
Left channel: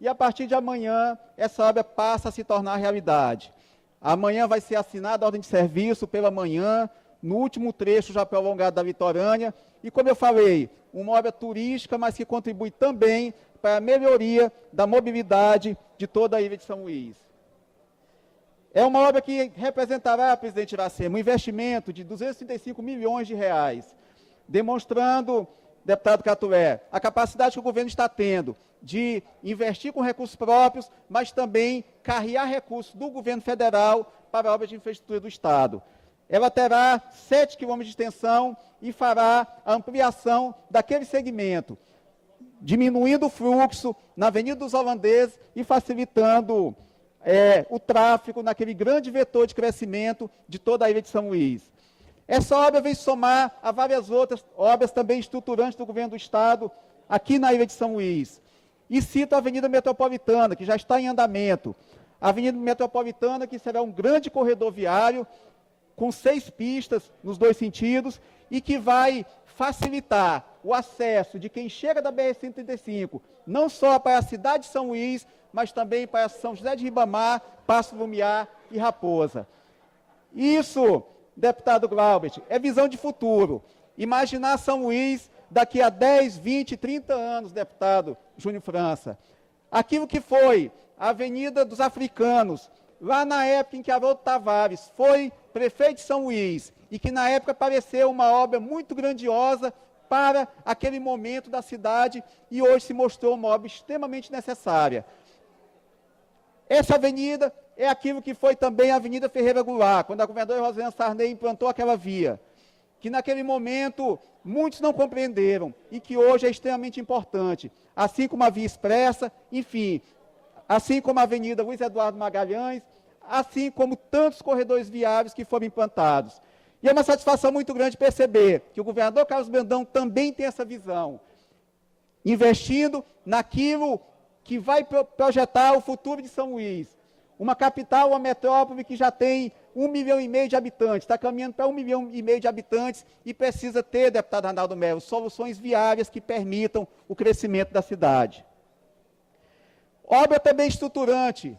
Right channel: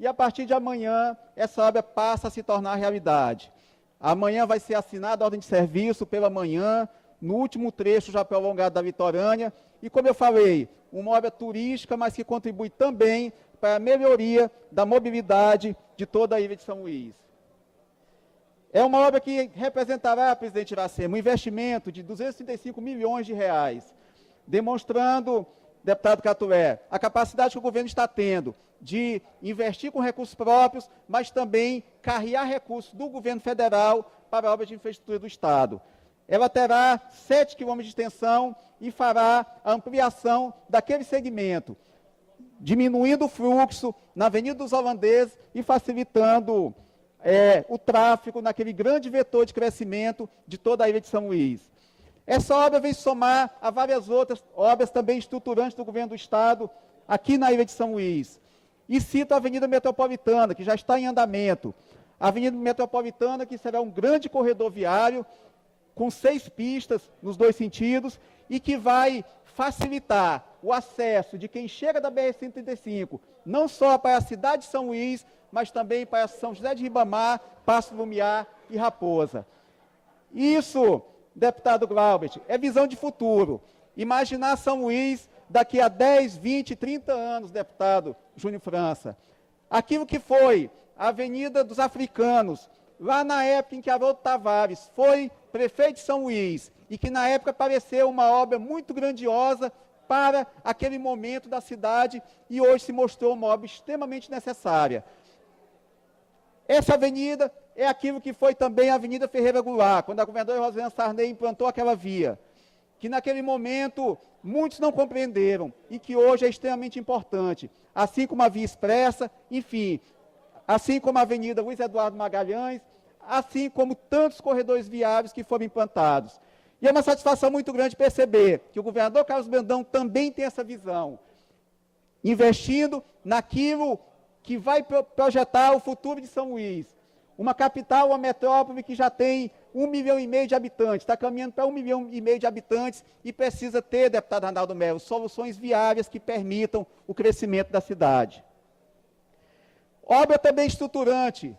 e a partir de amanhã essa obra passa a se tornar realidade. Amanhã vai ser assinada a ordem de serviço pela manhã, no último trecho já prolongado da Vitorânia, e como eu falei, uma obra turística, mas que contribui também para a melhoria da mobilidade de toda a ilha de São Luís. É uma obra que representará, presidente Iracema, um investimento de 235 milhões de reais, demonstrando, deputado Catulé, a capacidade que o governo está tendo de investir com recursos próprios, mas também carrear recursos do governo federal para obras de infraestrutura do Estado. Ela terá 7 quilômetros de extensão e fará a ampliação daquele segmento, diminuindo o fluxo na Avenida dos Holandeses e facilitando o tráfego naquele grande vetor de crescimento de toda a ilha de São Luís. Essa obra vem somar a várias outras obras também estruturantes do governo do Estado aqui na ilha de São Luís. E cito a Avenida Metropolitana, que já está em andamento. A Avenida Metropolitana, que será um grande corredor viário, com 6 pistas nos 2 sentidos, e que vai facilitar o acesso de quem chega da BR-135, não só para a cidade de São Luís, mas também para São José de Ribamar, Passo Lumiar e Raposa. Isso, deputado Glaubert, é visão de futuro. Imaginar São Luís daqui a 10, 20, 30 anos, deputado Júnior França. Aquilo que foi a Avenida dos Africanos, lá na época em que Haroldo Tavares foi prefeito de São Luís, e que na época pareceu uma obra muito grandiosa para aquele momento da cidade, e hoje se mostrou uma obra extremamente necessária. Essa avenida é aquilo que foi também a Avenida Ferreira Goulart, quando a governadora Rosiane Sarney implantou aquela via, que naquele momento muitos não compreenderam e que hoje é extremamente importante, assim como a Via Expressa, enfim, assim como a Avenida Luiz Eduardo Magalhães, assim como tantos corredores viários que foram implantados. E é uma satisfação muito grande perceber que o governador Carlos Brandão também tem essa visão, investindo naquilo que vai projetar o futuro de São Luís. Uma capital, uma metrópole que já tem 1,5 milhão de habitantes, está caminhando para 1,5 milhão de habitantes e precisa ter, deputado Arnaldo Melo, soluções viárias que permitam o crescimento da cidade. Obra também estruturante.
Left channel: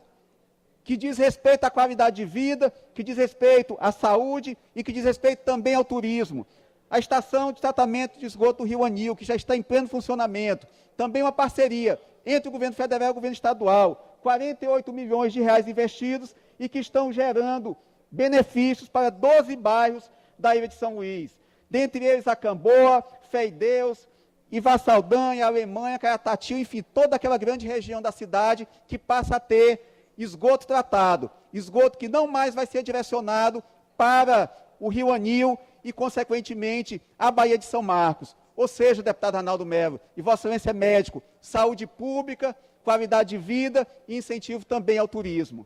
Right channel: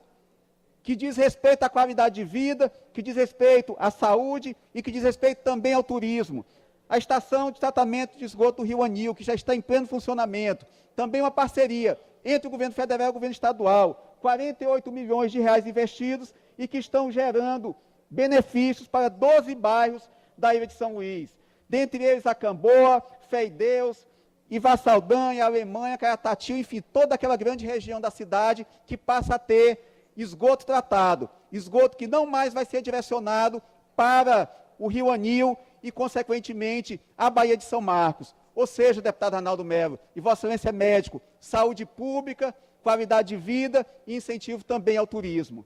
que diz respeito à qualidade de vida, que diz respeito à saúde e que diz respeito também ao turismo. A estação de tratamento de esgoto do Rio Anil, que já está em pleno funcionamento. Também uma parceria entre o governo federal e o governo estadual. 48 milhões de reais investidos e que estão gerando benefícios para 12 bairros da ilha de São Luís. Dentre eles a Camboa, Fé em Deus, Ivassaldanha, Alemanha, Caratati, enfim, toda aquela grande região da cidade que passa a ter esgoto tratado. Esgoto que não mais vai ser direcionado para o Rio Anil e, consequentemente, a Baía de São Marcos. Ou seja, deputado Arnaldo Melo, e Vossa Excelência é médico, saúde pública, qualidade de vida e incentivo também ao turismo.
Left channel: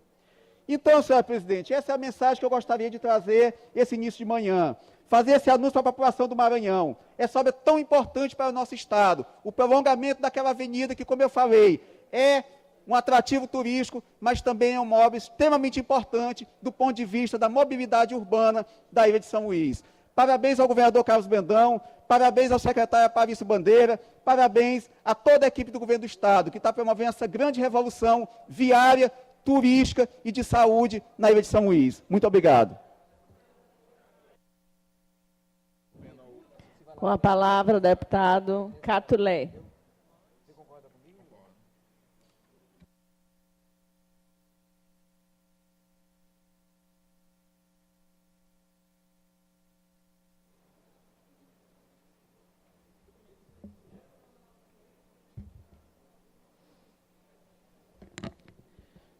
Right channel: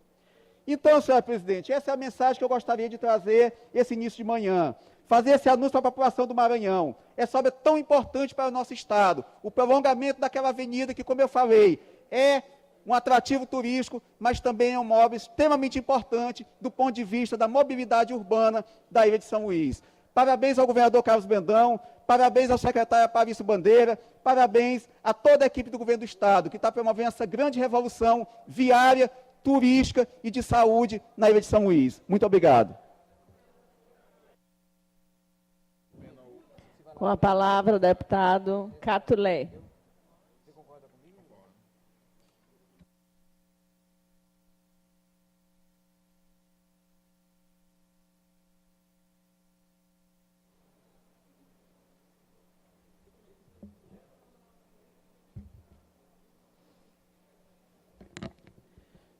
Então, senhora presidente, essa é a mensagem que eu gostaria de trazer esse início de manhã. Fazer esse anúncio para a população do Maranhão. Essa obra é tão importante para o nosso estado. O prolongamento daquela avenida que, como eu falei, é um atrativo turístico, mas também é uma obra extremamente importante do ponto de vista da mobilidade urbana da ilha de São Luís. Parabéns ao governador Carlos Brandão, parabéns ao secretário Aparício Bandeira, parabéns a toda a equipe do governo do estado, que está promovendo essa grande revolução viária, turística e de saúde na ilha de São Luís. Muito obrigado. Com a palavra, o deputado Catulé.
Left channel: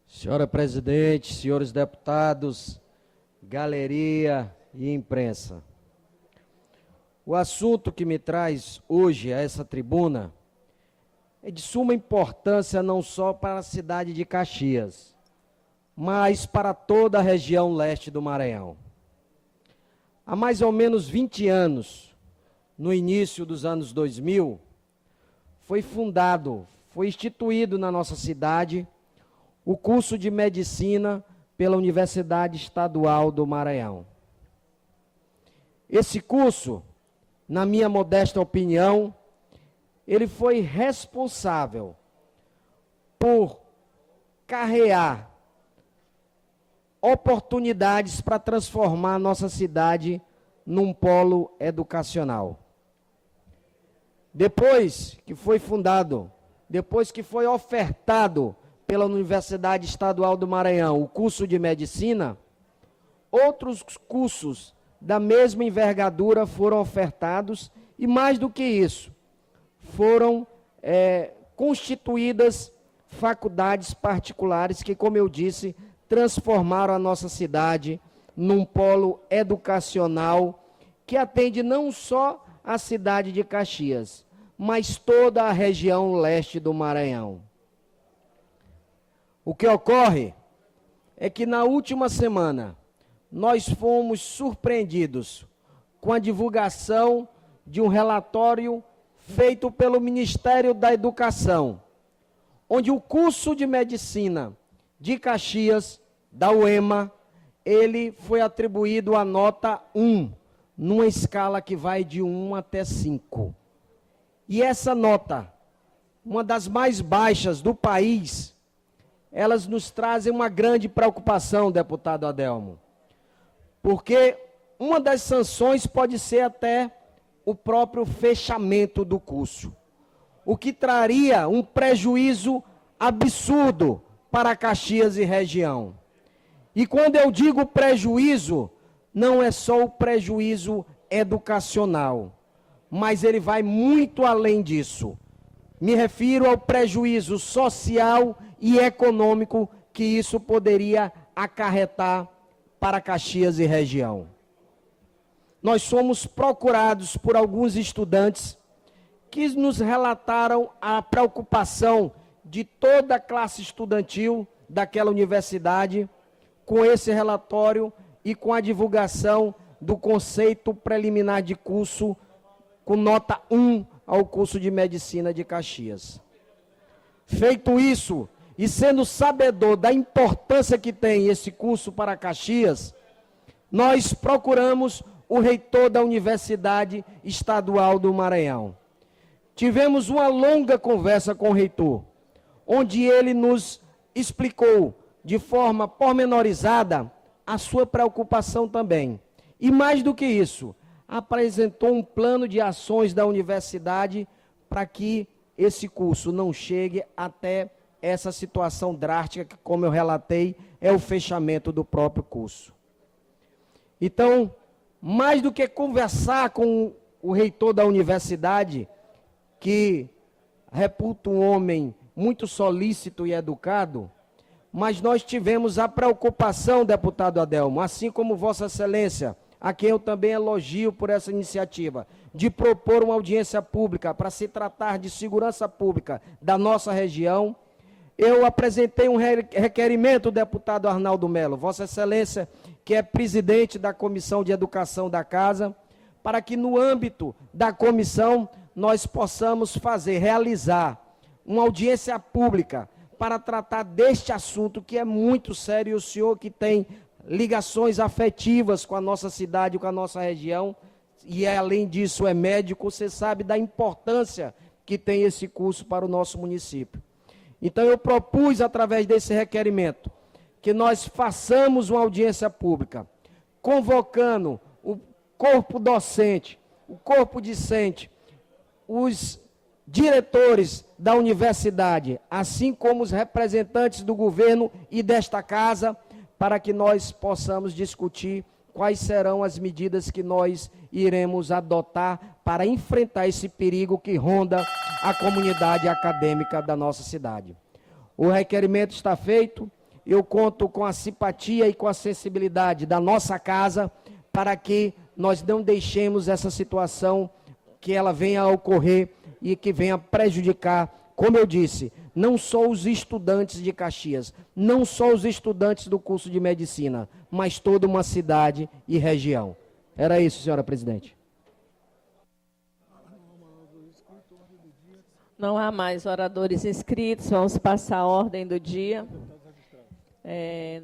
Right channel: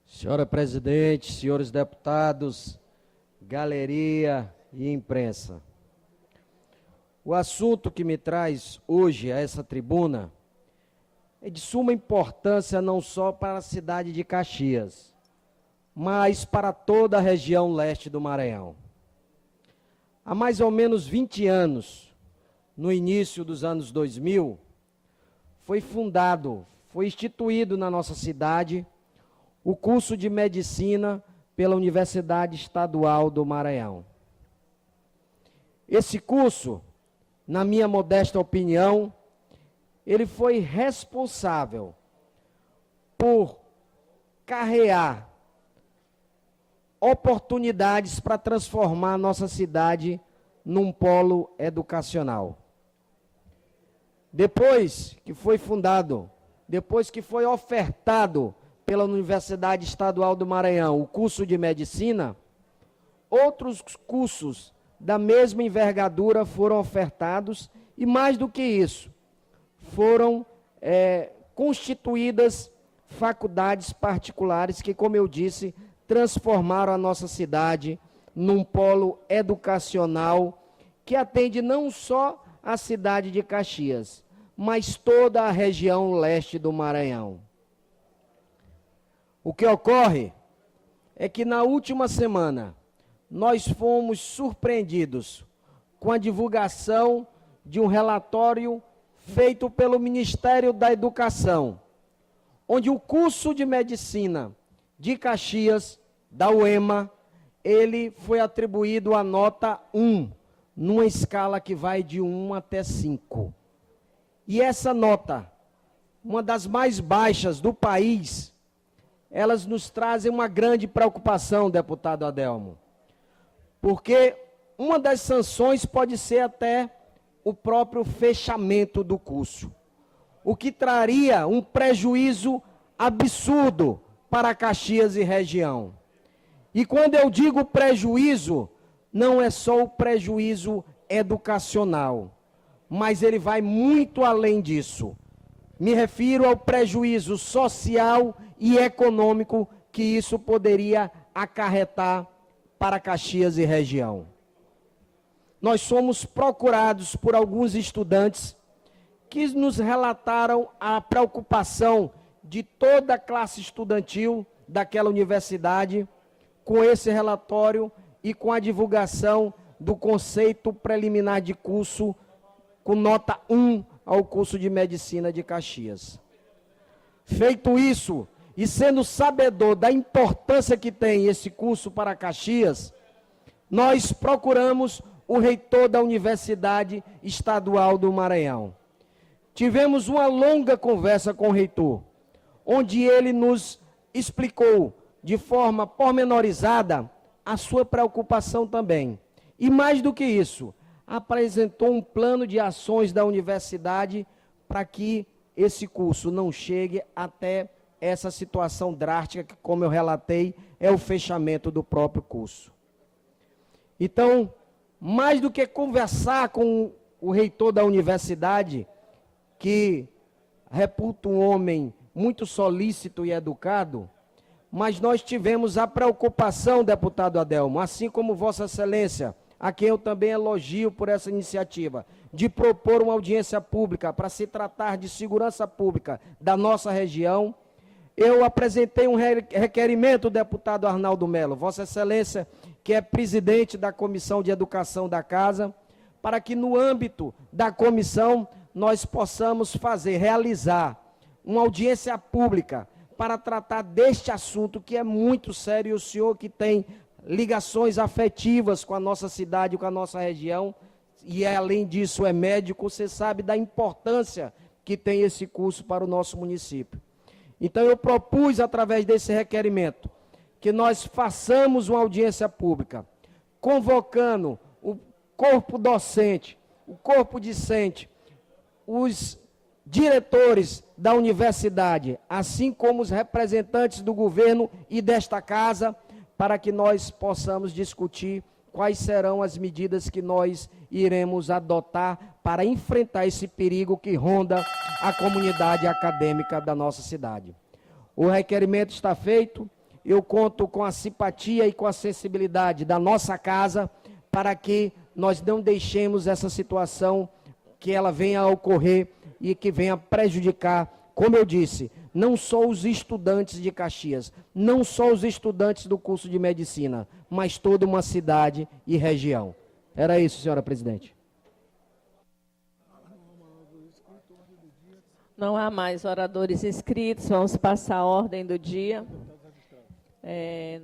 Senhora presidente, senhores deputados, galeria e imprensa. O assunto que me traz hoje a essa tribuna é de suma importância não só para a cidade de Caxias, mas para toda a região leste do Maranhão. Há mais ou menos 20 anos, no início dos anos 2000, foi instituído na nossa cidade o curso de medicina pela Universidade Estadual do Maranhão. Esse curso, na minha modesta opinião, ele foi responsável por carrear oportunidades para transformar a nossa cidade num polo educacional. Depois que foi fundado, depois que foi ofertado pela Universidade Estadual do Maranhão o curso de medicina, outros cursos da mesma envergadura foram ofertados e, mais do que isso, foram constituídas faculdades particulares que, como eu disse, transformaram a nossa cidade num polo educacional que atende não só a cidade de Caxias, mas toda a região leste do Maranhão. O que ocorre é que na última semana nós fomos surpreendidos com a divulgação de um relatório feito pelo Ministério da Educação, onde o curso de medicina de Caxias, da UEMA, ele foi atribuído a nota 1, numa escala que vai de 1 até 5. E essa nota, uma das mais baixas do país, elas nos trazem uma grande preocupação, deputado Adelmo, porque uma das sanções pode ser até o próprio fechamento do curso, o que traria um prejuízo absurdo para Caxias e região. E quando eu digo prejuízo, não é só o prejuízo educacional, mas ele vai muito além disso. Me refiro ao prejuízo social e econômico que isso poderia acarretar para Caxias e região. Nós somos procurados por alguns estudantes que nos relataram a preocupação de toda a classe estudantil daquela universidade com esse relatório e com a divulgação do conceito preliminar de curso com nota 1 ao curso de medicina de Caxias. Feito isso, e sendo sabedor da importância que tem esse curso para Caxias, nós procuramos o reitor da Universidade Estadual do Maranhão. Tivemos uma longa conversa com o reitor, onde ele nos explicou de forma pormenorizada a sua preocupação também. E mais do que isso, apresentou um plano de ações da universidade para que esse curso não chegue até essa situação drástica que, como eu relatei, é o fechamento do próprio curso. Então, mais do que conversar com o reitor da universidade, que reputa um homem muito solícito e educado, mas nós tivemos a preocupação, deputado Adelmo, assim como Vossa Excelência, a quem eu também elogio por essa iniciativa, de propor uma audiência pública para se tratar de segurança pública da nossa região. Eu apresentei um requerimento, deputado Arnaldo Melo, Vossa Excelência, que é presidente da Comissão de Educação da Casa, para que no âmbito da comissão nós possamos realizar uma audiência pública para tratar deste assunto que é muito sério. O senhor que tem ligações afetivas com a nossa cidade, com a nossa região, e além disso é médico, você sabe da importância que tem esse curso para o nosso município. Então eu propus, através desse requerimento, que nós façamos uma audiência pública, convocando o corpo docente, o corpo discente, os diretores da universidade, assim como os representantes do governo e desta casa, para que nós possamos discutir quais serão as medidas que nós iremos adotar para enfrentar esse perigo que ronda a comunidade acadêmica da nossa cidade. O requerimento está feito, eu conto com a simpatia e com a sensibilidade da nossa casa para que nós não deixemos essa situação que ela venha a ocorrer e que venha prejudicar, como eu disse, não só os estudantes de Caxias, não só os estudantes do curso de medicina, mas toda uma cidade e região. Era isso, senhora presidente. Não há mais oradores inscritos, vamos passar a ordem do dia.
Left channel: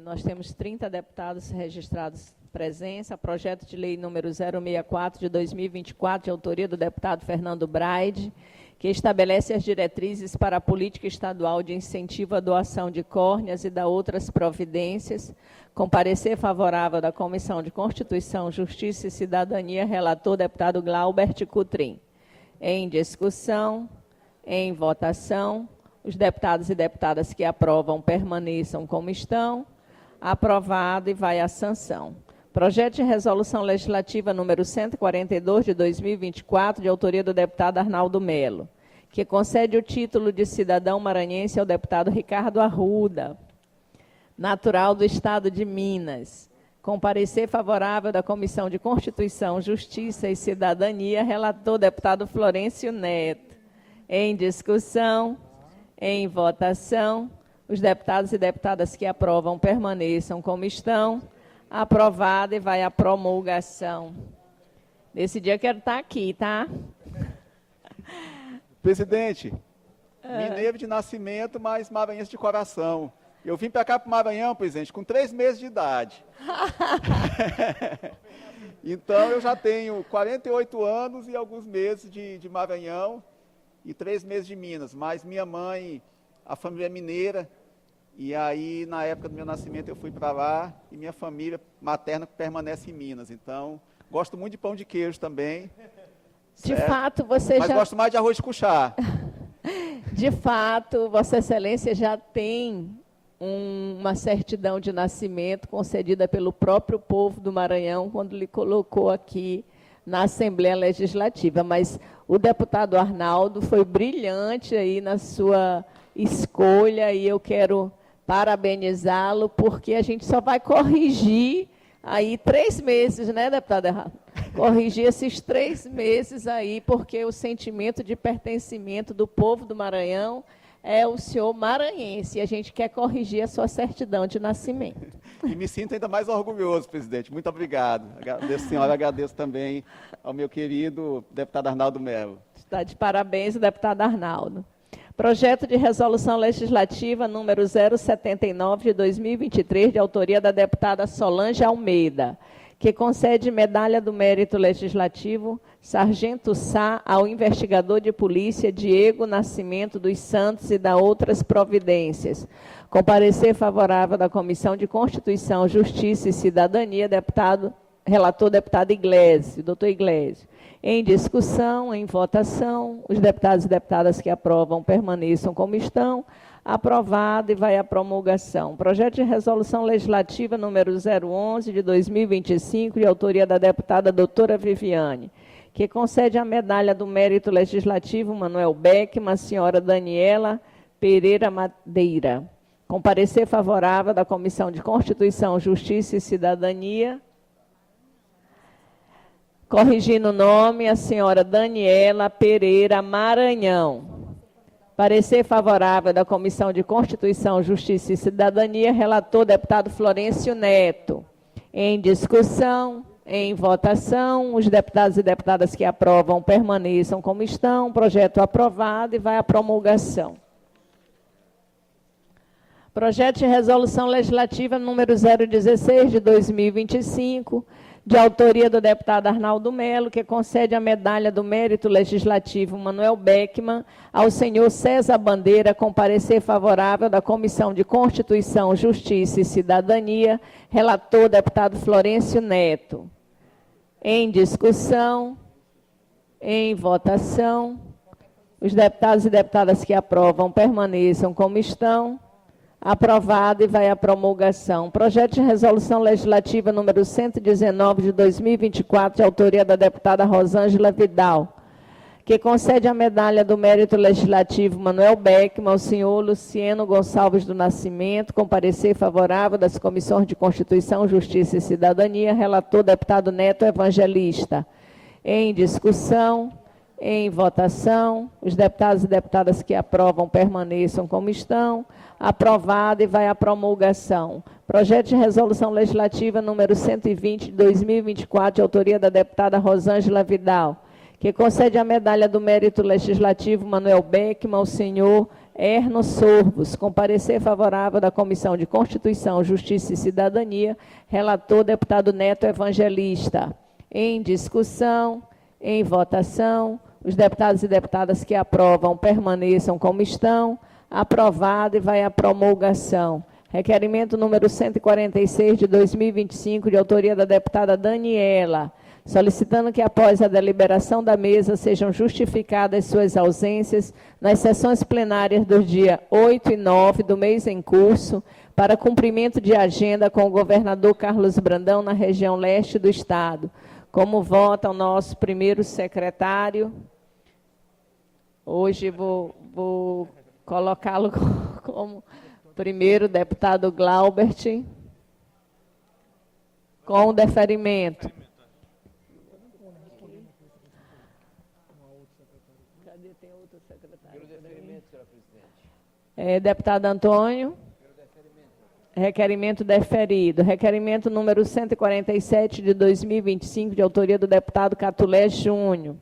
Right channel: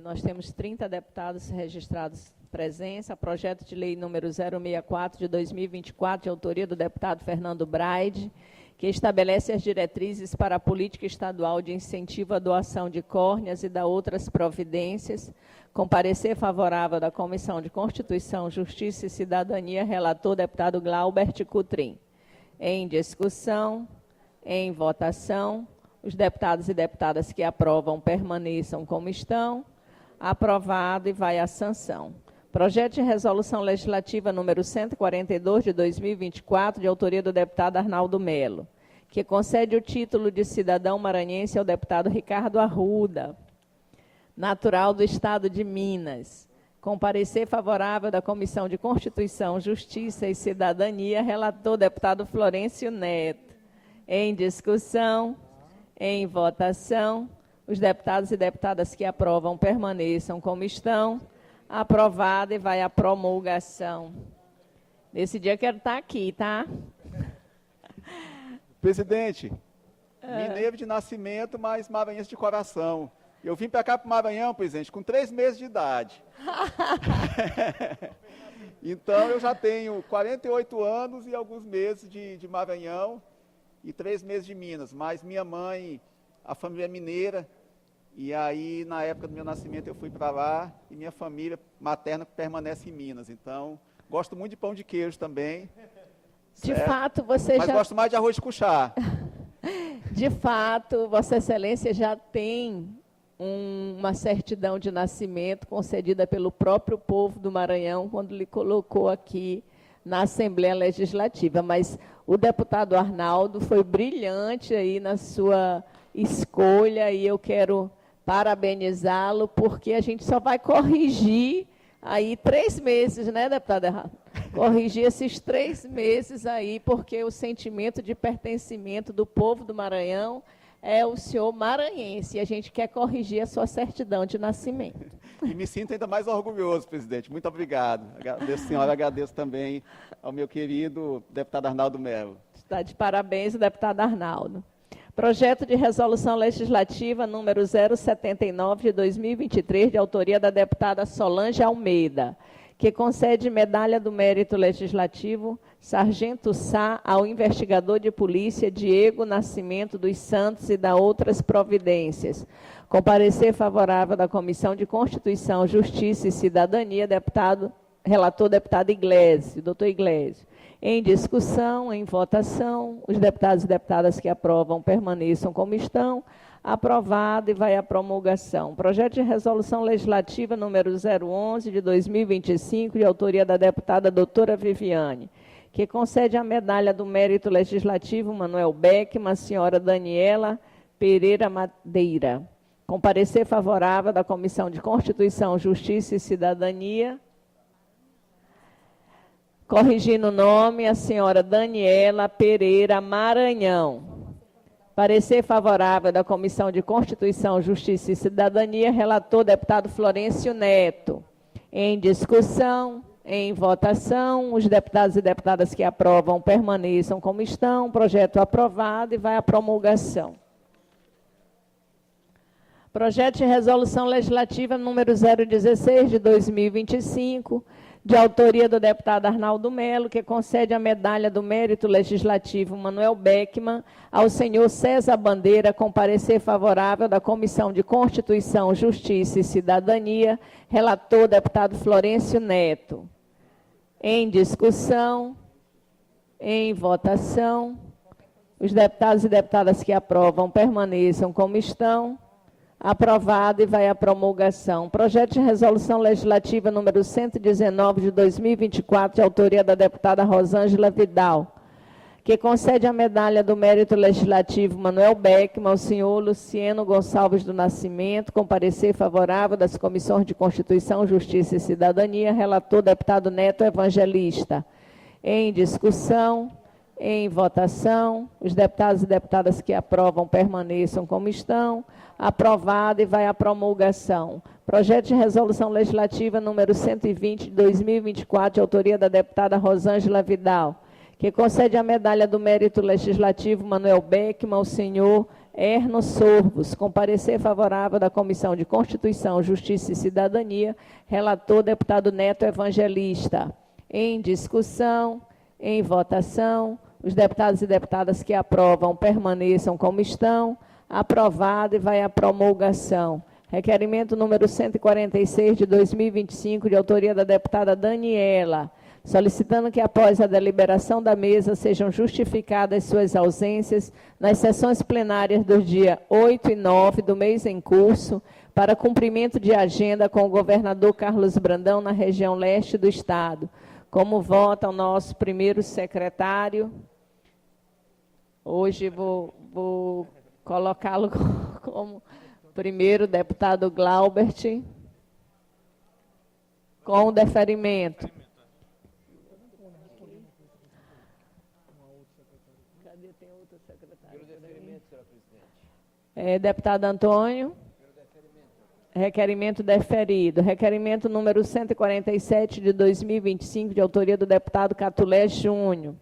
Nós temos 30 deputados registrados presença. Projeto de lei número 064 de 2024, de autoria do deputado Fernando Braide, que estabelece as diretrizes para a política estadual de incentivo à doação de córneas e da outras providências, com parecer favorável da Comissão de Constituição, Justiça e Cidadania, relator deputado Glaubert Cutrim. Em discussão, em votação, os deputados e deputadas que aprovam permaneçam como estão. Aprovado e vai à sanção. Projeto de resolução legislativa número 142 de 2024, de autoria do deputado Arnaldo Melo, que concede o título de cidadão maranhense ao deputado Ricardo Arruda, natural do estado de Minas, com parecer favorável da Comissão de Constituição, Justiça e Cidadania, relator deputado Florencio Neto. Em discussão, em votação, os deputados e deputadas que aprovam permaneçam como estão. Aprovado e vai à promulgação. Nesse dia eu quero estar aqui, tá? Presidente, mineiro de nascimento, mas maranhense de coração. Eu vim para cá, para o Maranhão, presidente, com 3 meses de idade. Então, eu já tenho 48 anos e alguns meses de Maranhão e 3 meses de Minas. Mas minha mãe, a família é mineira, e aí, na época do meu nascimento, eu fui para lá, e minha família materna permanece em Minas. Então, gosto muito de pão de queijo também. De fato, você Mas gosto mais de arroz com chá. De fato, Vossa Excelência já tem uma certidão de nascimento concedida pelo próprio povo do Maranhão, quando lhe colocou aqui na Assembleia Legislativa. Mas o deputado Arnaldo foi brilhante aí na sua escolha, e eu quero parabenizá-lo, porque a gente só vai corrigir aí 3 meses, né, deputada Errado? Corrigir esses 3 meses aí, porque o sentimento de pertencimento do povo do Maranhão é o senhor maranhense, e a gente quer corrigir a sua certidão de nascimento. E me sinto ainda mais orgulhoso, presidente. Muito obrigado. Agradeço, senhora, agradeço também ao meu querido deputado Arnaldo Melo. Está de parabéns, o deputado Arnaldo. Projeto de resolução legislativa número 079 de 2023, de autoria da deputada Solange Almeida, que concede medalha do Mérito Legislativo Sargento Sá ao investigador de polícia Diego Nascimento dos Santos e dá outras providências. Com parecer favorável da Comissão de Constituição, Justiça e Cidadania, relator deputado Iglesias, doutor Iglesias. Em discussão, em votação, os deputados e deputadas que aprovam permaneçam como estão. Aprovado e vai à promulgação. Projeto de Resolução Legislativa número 011 de 2025, de autoria da deputada doutora Viviane, que concede a medalha do Mérito Legislativo Manuel Beckmann à senhora Daniela Pereira Madeira. Com parecer favorável da Comissão de Constituição, Justiça e Cidadania, corrigindo o nome, a senhora Daniela Pereira Maranhão. Parecer favorável da Comissão de Constituição, Justiça e Cidadania, relator deputado Florencio Neto. Em discussão, em votação, os deputados e deputadas que aprovam permaneçam como estão. Projeto aprovado e vai à promulgação. Projeto de Resolução Legislativa número 016 de 2025, de autoria do deputado Arnaldo Melo, que concede a medalha do Mérito Legislativo Manuel Beckmann ao senhor César Bandeira, com parecer favorável da Comissão de Constituição, Justiça e Cidadania, relator deputado Florencio Neto. Em discussão, em votação, os deputados e deputadas que aprovam permaneçam como estão. Aprovado e vai à promulgação. Projeto de Resolução Legislativa número 119 de 2024, de autoria da deputada Rosângela Vidal, que concede a medalha do Mérito Legislativo Manuel Beckmann ao senhor Luciano Gonçalves do Nascimento, com parecer favorável das Comissões de Constituição, Justiça e Cidadania, relator deputado Neto Evangelista. Em discussão, em votação, os deputados e deputadas que aprovam permaneçam como estão. Aprovado e vai à promulgação. Projeto de Resolução Legislativa número 120 de 2024, de autoria da deputada Rosângela Vidal, que concede a medalha do Mérito Legislativo Manuel Beckmann ao senhor Erno Sorvos, com parecer favorável da Comissão de Constituição, Justiça e Cidadania, relator deputado Neto Evangelista. Em discussão, em votação, os deputados e deputadas que aprovam permaneçam como estão. Aprovado e vai à promulgação. Requerimento número 146 de 2025, de autoria da deputada Daniela, solicitando que após a deliberação da mesa sejam justificadas suas ausências nas sessões plenárias do dia 8 e 9 do mês em curso, para cumprimento de agenda com o governador Carlos Brandão na região leste do estado. Como vota o nosso primeiro secretário? Hoje vou colocá-lo como primeiro deputado Glaubert, com o deferimento. Cadê? Tem outro secretário? Deputado Antônio. Requerimento deferido. Requerimento número 147 de 2025, de autoria do deputado Catulé Júnior,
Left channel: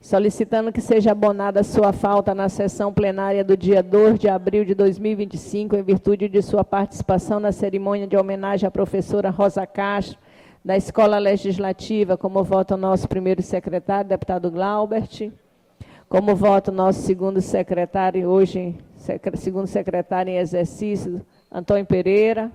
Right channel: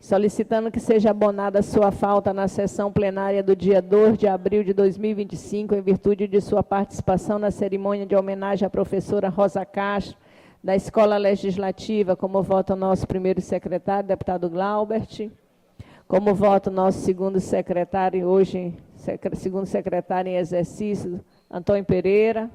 solicitando que seja abonada sua falta na sessão plenária do dia 2 de abril de 2025, em virtude de sua participação na cerimônia de homenagem à professora Rosa Castro, da Escola Legislativa. Como vota o nosso primeiro secretário, deputado Glaubert. Como vota o nosso segundo secretário, hoje, segundo secretário em exercício, Antônio Pereira.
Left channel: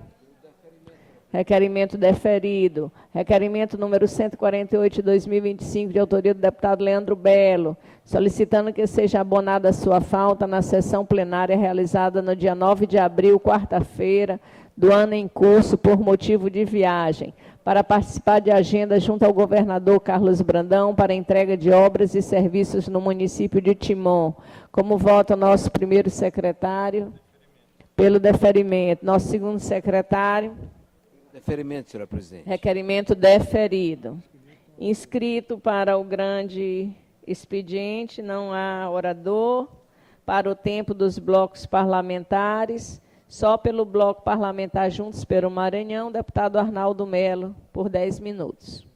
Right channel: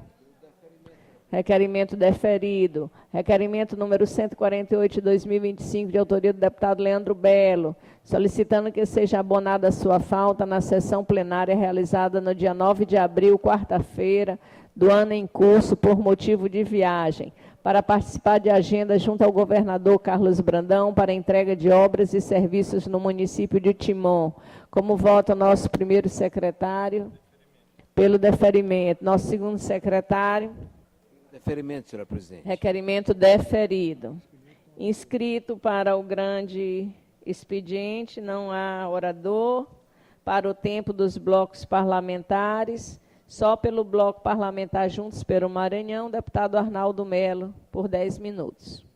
Requerimento deferido. Requerimento número 148 de 2025, de autoria do deputado Leandro Belo, solicitando que seja abonada a sua falta na sessão plenária realizada no dia 9 de abril, quarta-feira, do ano em curso, por motivo de viagem, para participar de agenda junto ao governador Carlos Brandão para entrega de obras e serviços no município de Timon. Como vota o nosso primeiro secretário? Pelo deferimento. Nosso segundo secretário? Deferimento, senhora presidente. Requerimento deferido. Inscrito para o grande expediente, não há orador. Para o tempo dos blocos parlamentares, só pelo bloco parlamentar Juntos pelo Maranhão, deputado Arnaldo Melo, por 10 minutos.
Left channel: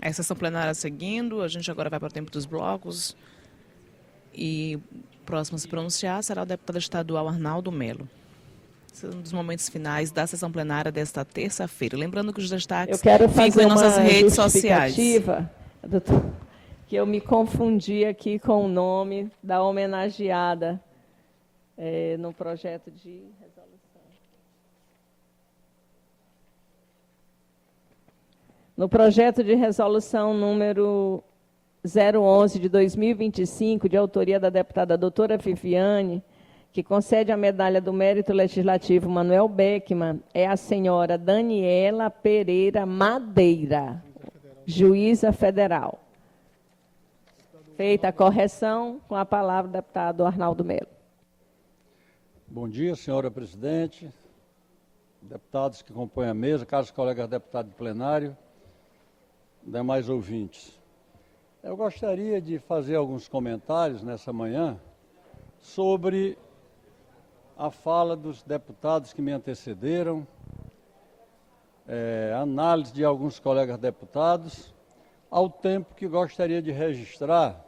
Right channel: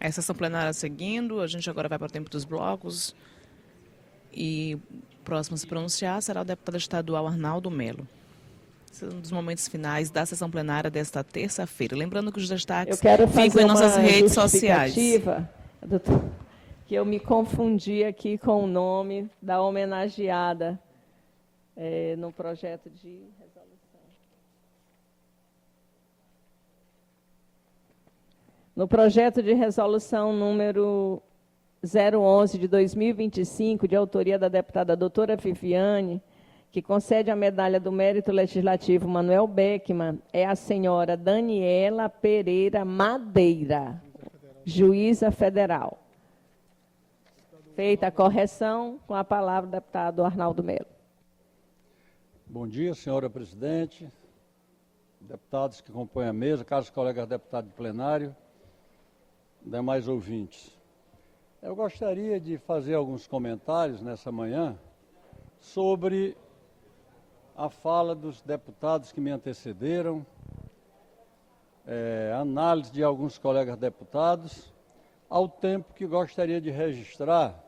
A sessão plenária seguindo, a gente agora vai para o tempo dos blocos. E próximo a se pronunciar será o deputado estadual Arnaldo Melo. Esse é um dos momentos finais da sessão plenária desta terça-feira. Lembrando que os destaques ficam em nossas redes sociais. Doutor, que eu me confundi aqui com o nome da homenageada no projeto de resolução. No projeto de resolução número 011 de 2025, de autoria da deputada doutora Viviane, que concede a medalha do Mérito Legislativo Manuel Beckmann, é a senhora Daniela Pereira Madeira, juíza federal. Feita a correção, com a palavra o deputado Arnaldo Melo. Bom dia, senhora presidente, deputados que compõem a mesa, caros colegas deputados de plenário, demais ouvintes. Eu gostaria de fazer alguns comentários nessa manhã sobre a fala dos deputados que me antecederam, análise de alguns colegas deputados, ao tempo que gostaria de registrar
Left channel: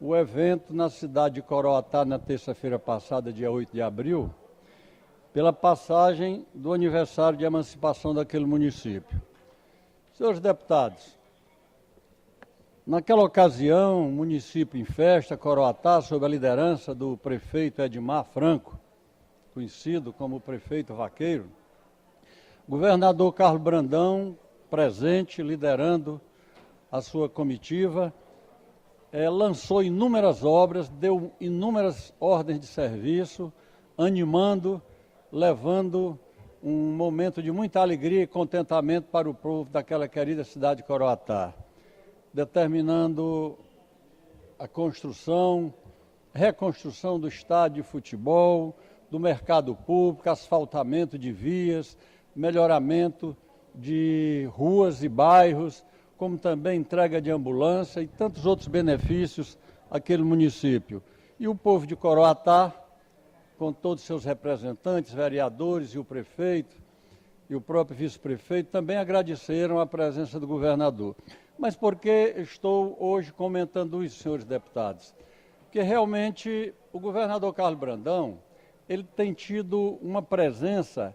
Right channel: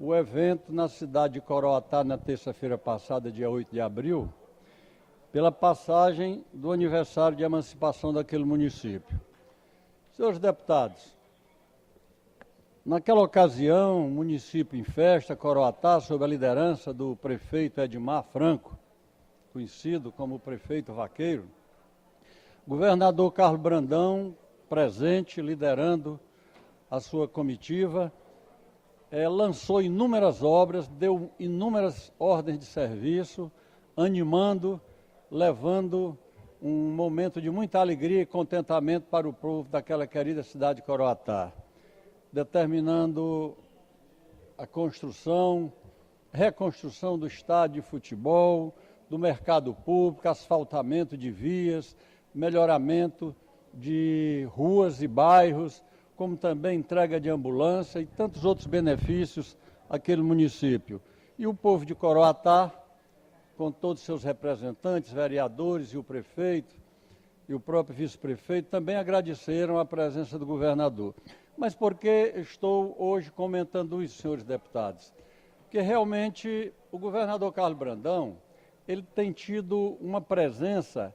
o evento na cidade de Coroatá, na terça-feira passada, dia 8 de abril, pela passagem do aniversário de emancipação daquele município. Senhores deputados, naquela ocasião, município em festa, Coroatá, sob a liderança do prefeito Edmar Franco, conhecido como prefeito vaqueiro, governador Carlos Brandão, presente, liderando a sua comitiva, lançou inúmeras obras, deu inúmeras ordens de serviço, animando, levando um momento de muita alegria e contentamento para o povo daquela querida cidade de Coroatá, determinando a reconstrução do estádio de futebol, do mercado público, asfaltamento de vias, melhoramento de ruas e bairros, como também entrega de ambulância e tantos outros benefícios àquele município. E o povo de Coroatá, com todos os seus representantes, vereadores e o prefeito, e o próprio vice-prefeito, também agradeceram a presença do governador. Mas por que estou hoje comentando isso, senhores deputados? Porque realmente o governador Carlos Brandão, ele tem tido uma presença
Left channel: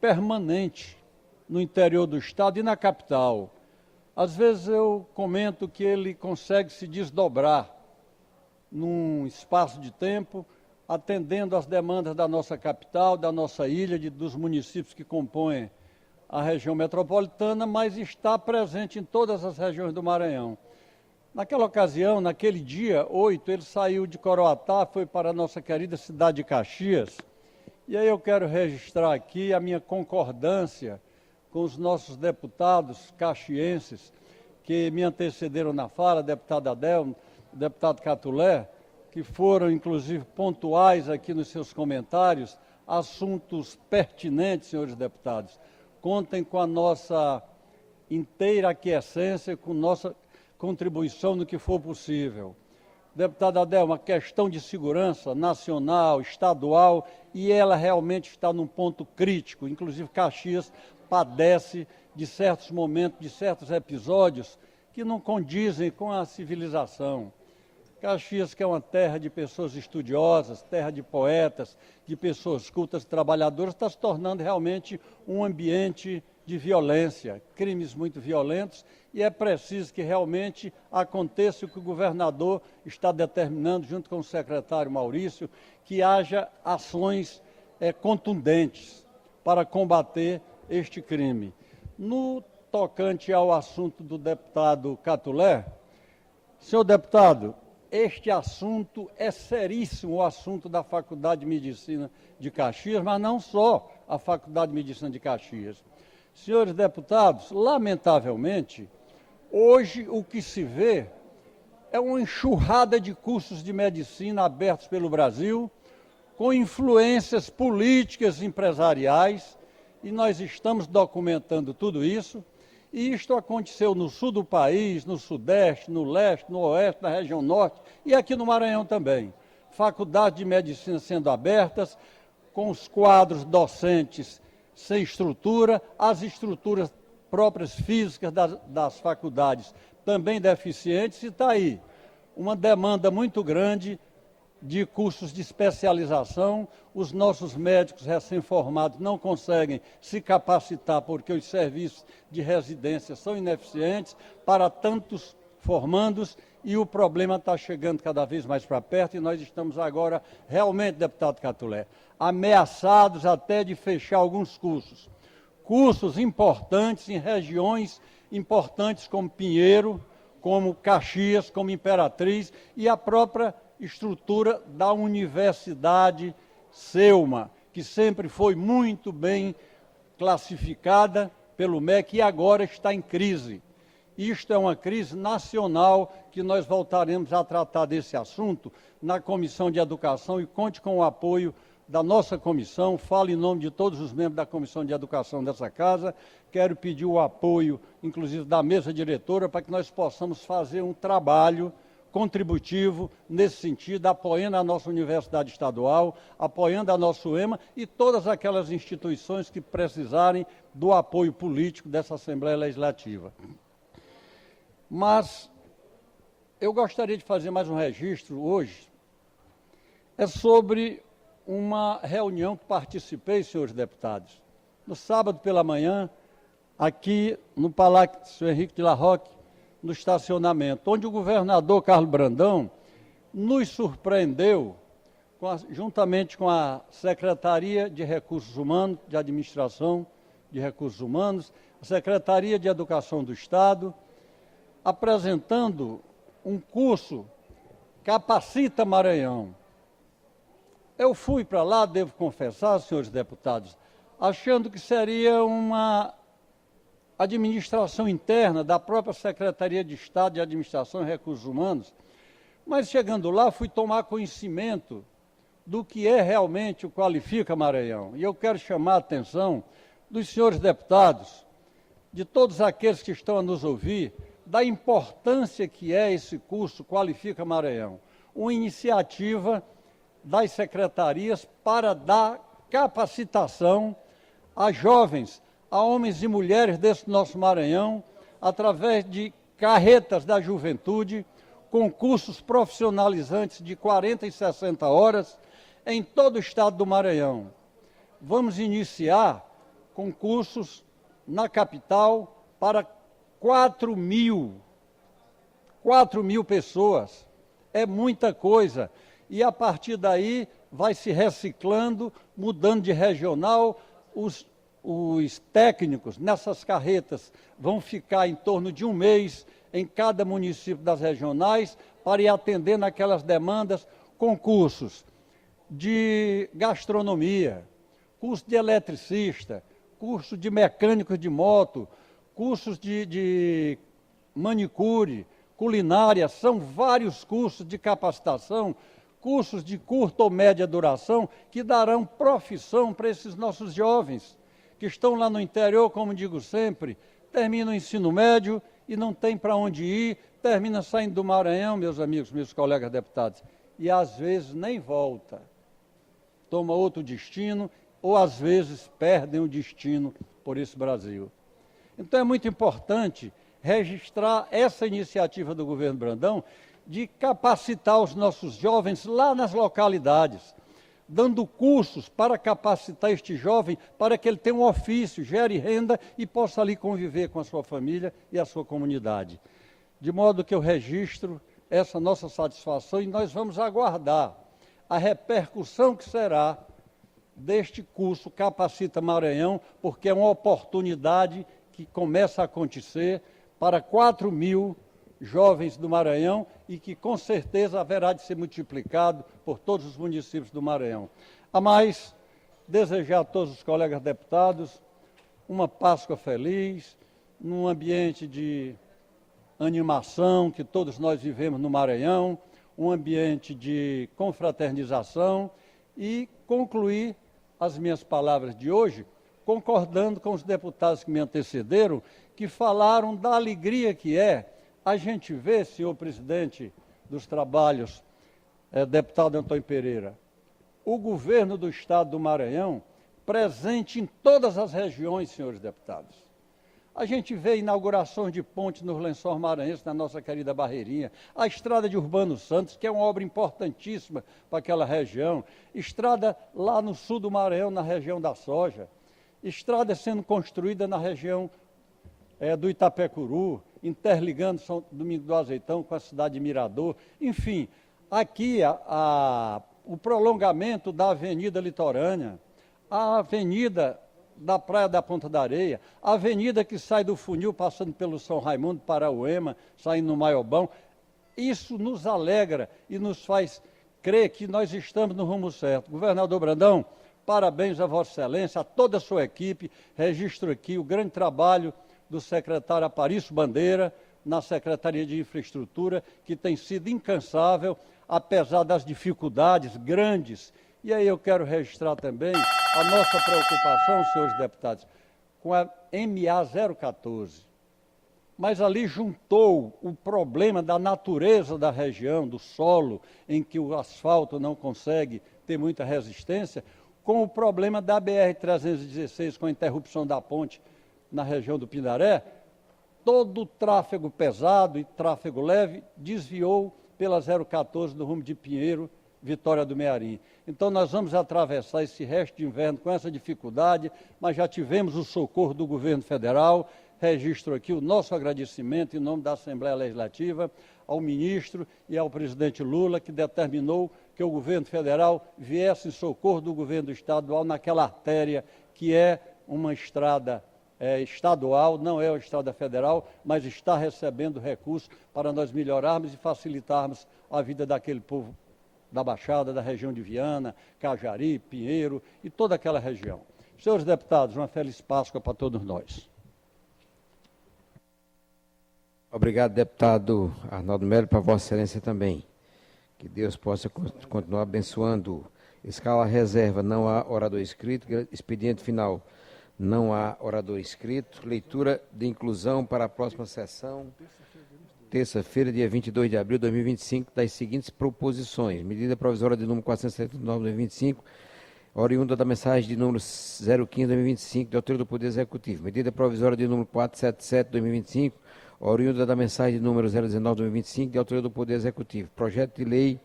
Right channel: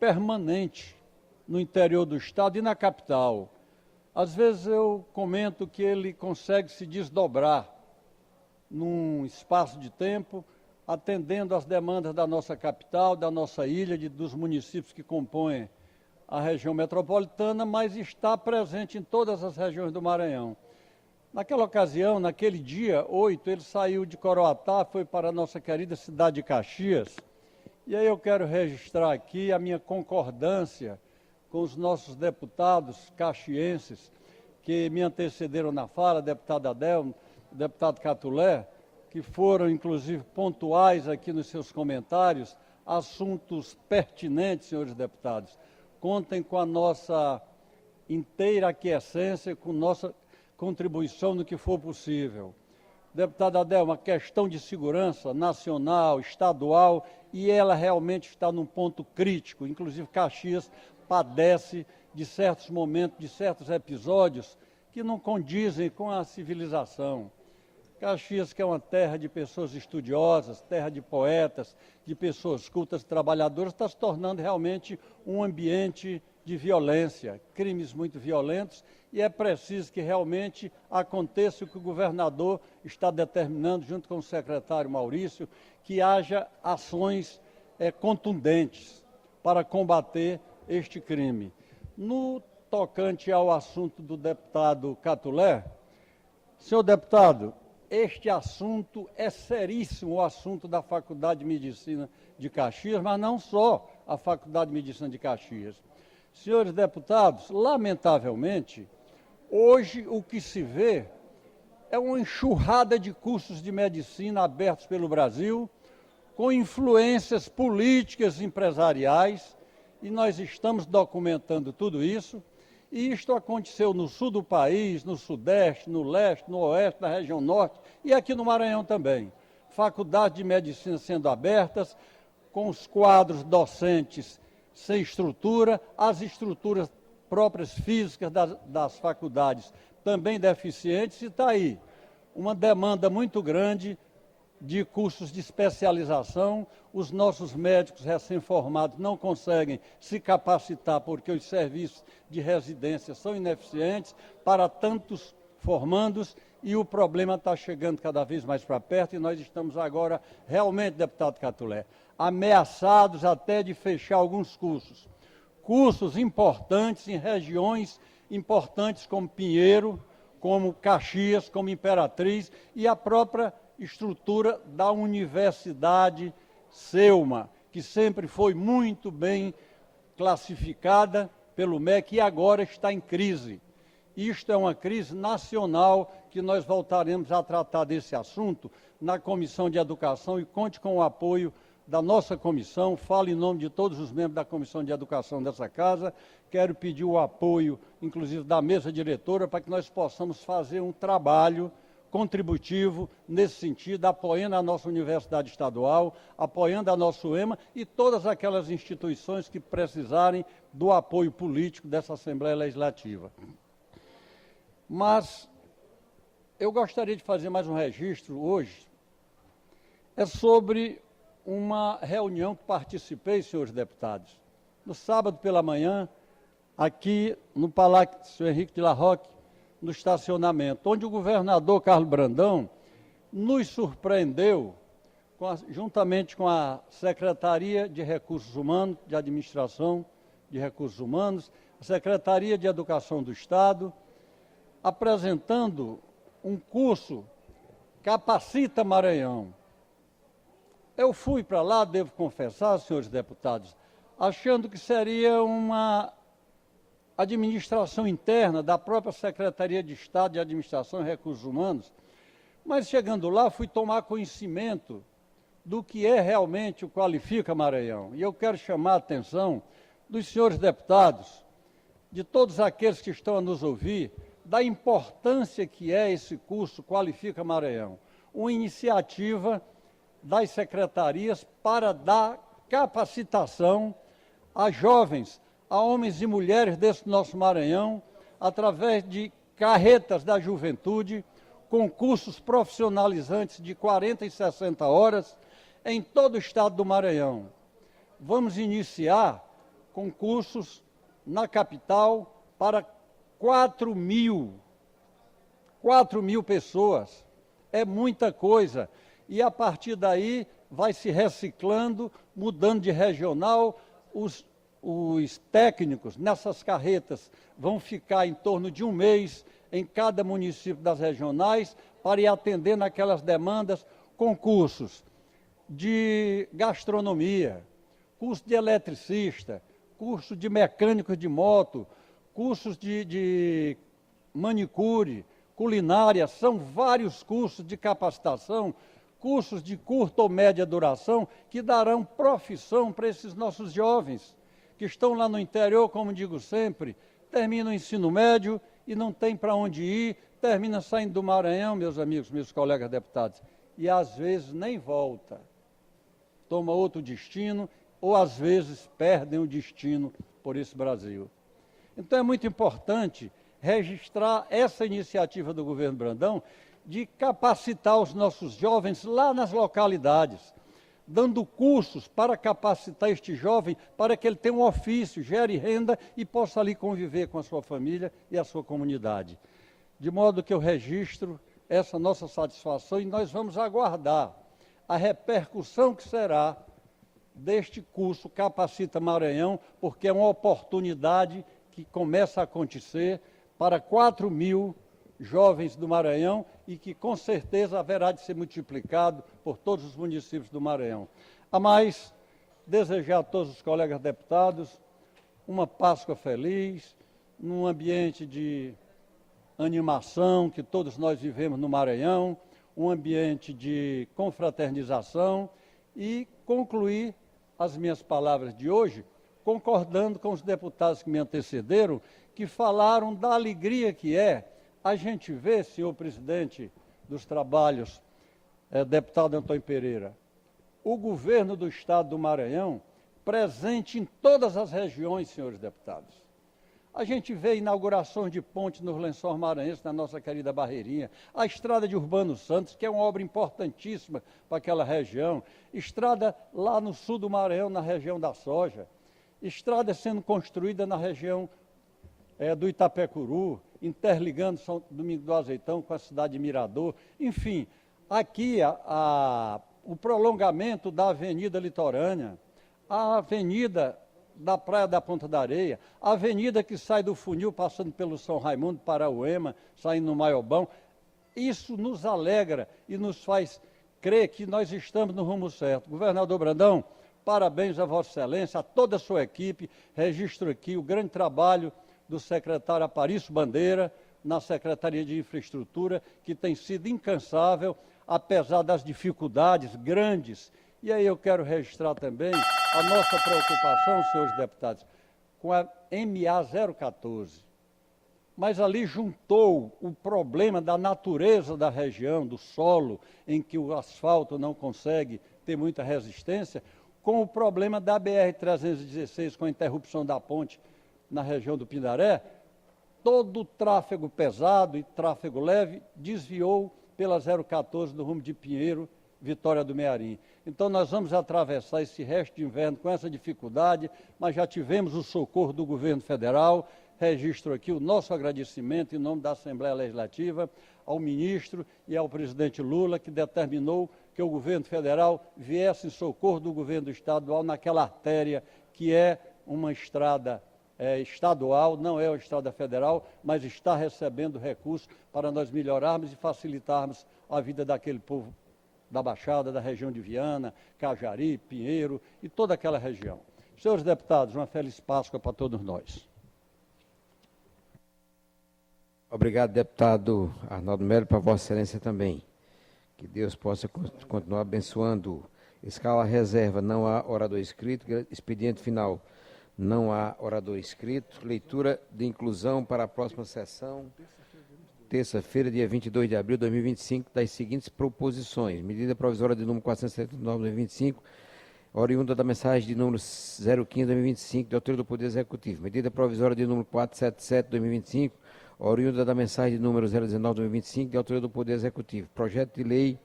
permanente no interior do estado e na capital. Às vezes eu comento que ele consegue se desdobrar num espaço de tempo, atendendo às demandas da nossa capital, da nossa ilha, dos municípios que compõem a região metropolitana, mas está presente em todas as regiões do Maranhão. Naquela ocasião, naquele dia 8, ele saiu de Coroatá, foi para a nossa querida cidade de Caxias, e aí eu quero registrar aqui a minha concordância com os nossos deputados caxienses que me antecederam na fala, deputado Adel, deputado Catulé, que foram, inclusive, pontuais aqui nos seus comentários, assuntos pertinentes, senhores deputados. Contem com a nossa inteira aquiescência, com nossa contribuição no que for possível. Deputado Adel, uma questão de segurança nacional, estadual, e ela realmente está num ponto crítico. Inclusive, Caxias padece de certos momentos, de certos episódios que não condizem com a civilização. Caxias, que é uma terra de pessoas estudiosas, terra de poetas, de pessoas cultas, trabalhadoras, está se tornando realmente um ambiente de violência, crimes muito violentos, e é preciso que realmente aconteça o que o governador está determinando, junto com o secretário Maurício, que haja ações contundentes para combater este crime. No tocante ao assunto do deputado Catulé, senhor deputado, este assunto é seríssimo, o assunto da Faculdade de Medicina de Caxias, mas não só a Faculdade de Medicina de Caxias. Senhores deputados, lamentavelmente, hoje o que se vê é uma enxurrada de cursos de medicina abertos pelo Brasil, com influências políticas e empresariais, e nós estamos documentando tudo isso, e isto aconteceu no sul do país, no sudeste, no leste, no oeste, na região norte, e aqui no Maranhão também. Faculdades de medicina sendo abertas, com os quadros docentes sem estrutura, as estruturas próprias físicas das faculdades também deficientes, e está aí uma demanda muito grande de cursos de especialização. Os nossos médicos recém-formados não conseguem se capacitar porque os serviços de residência são ineficientes para tantos formandos e o problema está chegando cada vez mais para perto e nós estamos agora, realmente, deputado Catulé, ameaçados até de fechar alguns cursos. Cursos importantes em regiões importantes como Pinheiro, como Caxias, como Imperatriz e a própria estrutura da Universidade Selma, que sempre foi muito bem classificada pelo MEC e agora está em crise. Isto é uma crise nacional que nós voltaremos a tratar desse assunto na Comissão de Educação e conte com o apoio da nossa comissão, falo em nome de todos os membros da Comissão de Educação dessa casa, quero pedir o apoio, inclusive, da mesa diretora, para que nós possamos fazer um trabalho contributivo nesse sentido, apoiando a nossa Universidade Estadual, apoiando a nossa UEMA e todas aquelas instituições que precisarem do apoio político dessa Assembleia Legislativa. Mas eu gostaria de fazer mais um registro hoje, é sobre uma reunião que participei, senhores deputados, no sábado pela manhã, aqui no Palácio Henrique de la Roque, no estacionamento, onde o governador Carlos Brandão nos surpreendeu, juntamente com a Secretaria de Recursos Humanos, de Administração de Recursos Humanos, a Secretaria de Educação do Estado, apresentando um curso Capacita Maranhão. Eu fui para lá, devo confessar, senhores deputados, achando que seria uma administração interna da própria Secretaria de Estado de Administração e Recursos Humanos, mas chegando lá fui tomar conhecimento do que é realmente o Qualifica Maranhão. E eu quero chamar a atenção dos senhores deputados, de todos aqueles que estão a nos ouvir, da importância que é esse curso Qualifica Maranhão, uma iniciativa das secretarias para dar capacitação a jovens, a homens e mulheres desse nosso Maranhão, através de carretas da juventude, concursos profissionalizantes de 40 e 60 horas em todo o estado do Maranhão. Vamos iniciar concursos na capital para 4 mil pessoas. É muita coisa. E a partir daí vai se reciclando, mudando de regional. Os técnicos nessas carretas vão ficar em torno de um mês em cada município das regionais para ir atendendo aquelas demandas, concursos de gastronomia, curso de eletricista, curso de mecânico de moto, cursos de manicure, culinária, são vários cursos de capacitação, cursos de curta ou média duração, que darão profissão para esses nossos jovens, que estão lá no interior, como digo sempre, terminam o ensino médio e não tem para onde ir, termina saindo do Maranhão, meus amigos, meus colegas deputados, e às vezes nem volta, toma outro destino, ou às vezes perdem o destino por esse Brasil. Então é muito importante registrar essa iniciativa do governo Brandão de capacitar os nossos jovens lá nas localidades, dando cursos para capacitar este jovem para que ele tenha um ofício, gere renda e possa ali conviver com a sua família e a sua comunidade. De modo que eu registro essa nossa satisfação e nós vamos aguardar a repercussão que será deste curso Capacita Maranhão, porque é uma oportunidade que começa a acontecer para 4 mil jovens do Maranhão e que com certeza haverá de ser multiplicado por todos os municípios do Maranhão. A mais, desejar a todos os colegas deputados uma Páscoa feliz, num ambiente de animação que todos nós vivemos no Maranhão, um ambiente de confraternização e concluir as minhas palavras de hoje concordando com os deputados que me antecederam, que falaram da alegria que é a gente ver, senhor presidente dos trabalhos, deputado Antônio Pereira, o governo do estado do Maranhão presente em todas as regiões, senhores deputados. A gente vê inaugurações de pontes nos Lençóis Maranhenses, na nossa querida Barreirinha, a estrada de Urbano Santos, que é uma obra importantíssima para aquela região, estrada lá no sul do Maranhão, na região da soja, estrada sendo construída na região do Itapecuru, interligando São Domingos do Azeitão com a cidade de Mirador. Enfim, aqui o prolongamento da Avenida Litorânea, a Avenida da Praia da Ponta da Areia, a avenida que sai do Funil, passando pelo São Raimundo, Parauema, saindo no Maiobão, isso nos alegra e nos faz crer que nós estamos no rumo certo. Governador Brandão, parabéns a Vossa Excelência, a toda a sua equipe, registro aqui o grande trabalho do secretário Aparício Bandeira, na Secretaria de Infraestrutura, que tem sido incansável, apesar das dificuldades grandes. E aí eu quero registrar também a nossa preocupação, senhores deputados, com a MA 014. Mas ali juntou o problema da natureza da região, do solo, em que o asfalto não consegue ter muita resistência, com o problema da BR-316, com a interrupção da ponte na região do Pindaré. Todo o tráfego pesado e tráfego leve desviou pela 014 do rumo de Pinheiro, Vitória do Mearim. Então nós vamos atravessar esse resto de inverno com essa dificuldade, mas já tivemos o socorro do governo federal. Registro aqui o nosso agradecimento em nome da Assembleia Legislativa ao ministro e ao presidente Lula, que determinou que o governo federal viesse em socorro do governo estadual naquela artéria que é uma estrada estadual, não é uma estrada federal, mas está recebendo recursos para nós melhorarmos e facilitarmos a vida daquele povo da Baixada, da região de Viana, Cajari, Pinheiro e toda aquela região. Senhores deputados, uma feliz Páscoa para todos nós. Obrigado, deputado Arnaldo Melo, para Vossa Excelência também. Que Deus possa continuar abençoando. Escala reserva, não há orador inscrito. Expediente final, não há orador inscrito. Leitura de inclusão para a próxima sessão. Terça-feira, dia 22 de abril de 2025, das seguintes proposições. Medida provisória de número 479 de 2025, oriunda da mensagem de número 015 de 2025, de autoria do Poder Executivo. Medida provisória de número 477 de 2025, oriunda da mensagem de número 019 de 2025, de autoria do Poder Executivo. Projeto de lei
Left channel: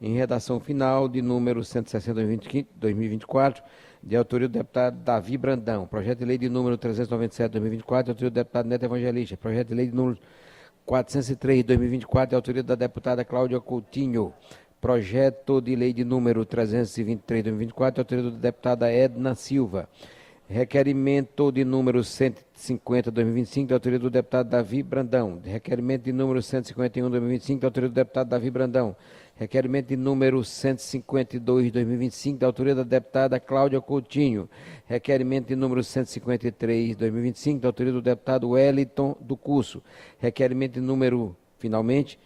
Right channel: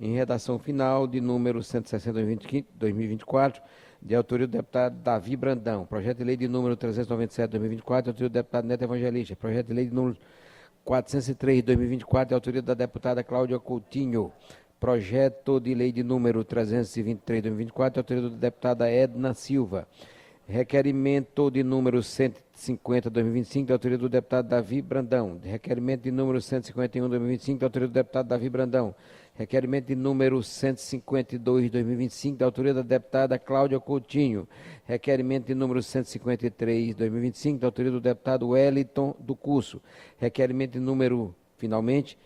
em redação final de número 160 de 2024, de autoria do deputado Davi Brandão. Projeto de lei de número 397 de 2024, de autoria do deputado Neto Evangelista. Projeto de lei de número 403 de 2024, de autoria da deputada Cláudia Coutinho. Projeto de lei de número 323 de 2024, de autoria da deputada Edna Silva. Requerimento de número 150 de 2025, de autoria do deputado Davi Brandão. Requerimento de número 151 de 2025, de autoria do deputado Davi Brandão. Requerimento de número 152 de 2025, da autoria da deputada Cláudia Coutinho. Requerimento de número 153 de 2025, da autoria do deputado Wellington do Curso. Requerimento de número, finalmente,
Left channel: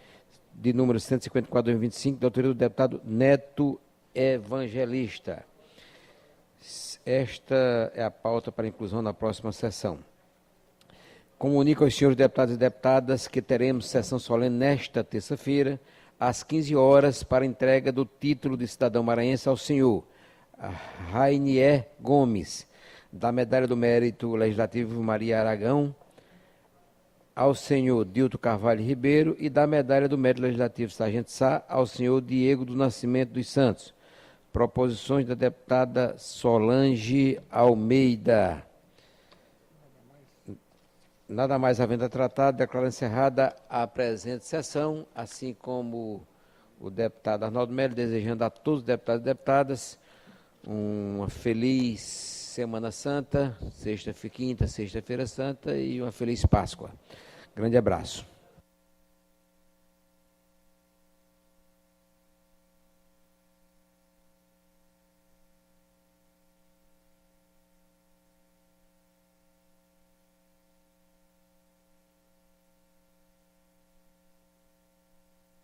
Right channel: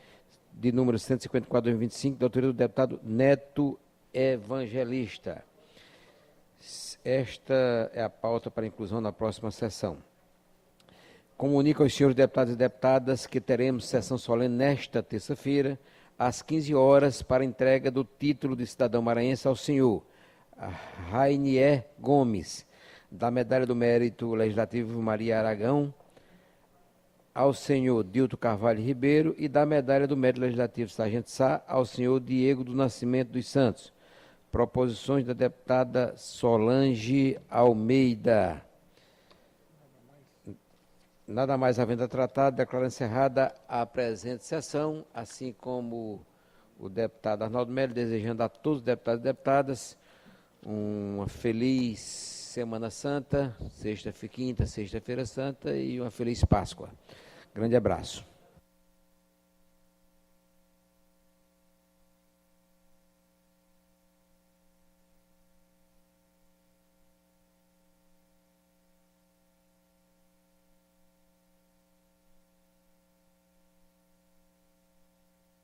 de número 154 de 2025, da autoria do deputado Neto Evangelista. Esta é a pauta para inclusão na próxima sessão. Comunico aos senhores deputados e deputadas que teremos sessão solene nesta terça-feira, às 15 horas, para entrega do título de cidadão maranhense ao senhor Rainier Gomes, da Medalha do Mérito Legislativo Maria Aragão, ao senhor Dilto Carvalho Ribeiro, e da Medalha do Mérito Legislativo Sargento Sá, ao senhor Diego do Nascimento dos Santos. Proposições da deputada Solange Almeida. Nada mais havendo a tratar, declaro encerrada a presente sessão, assim como o deputado Arnaldo Melo, desejando a todos os deputados e deputadas uma feliz Semana Santa, quinta, sexta-feira santa, e uma feliz Páscoa. Grande abraço.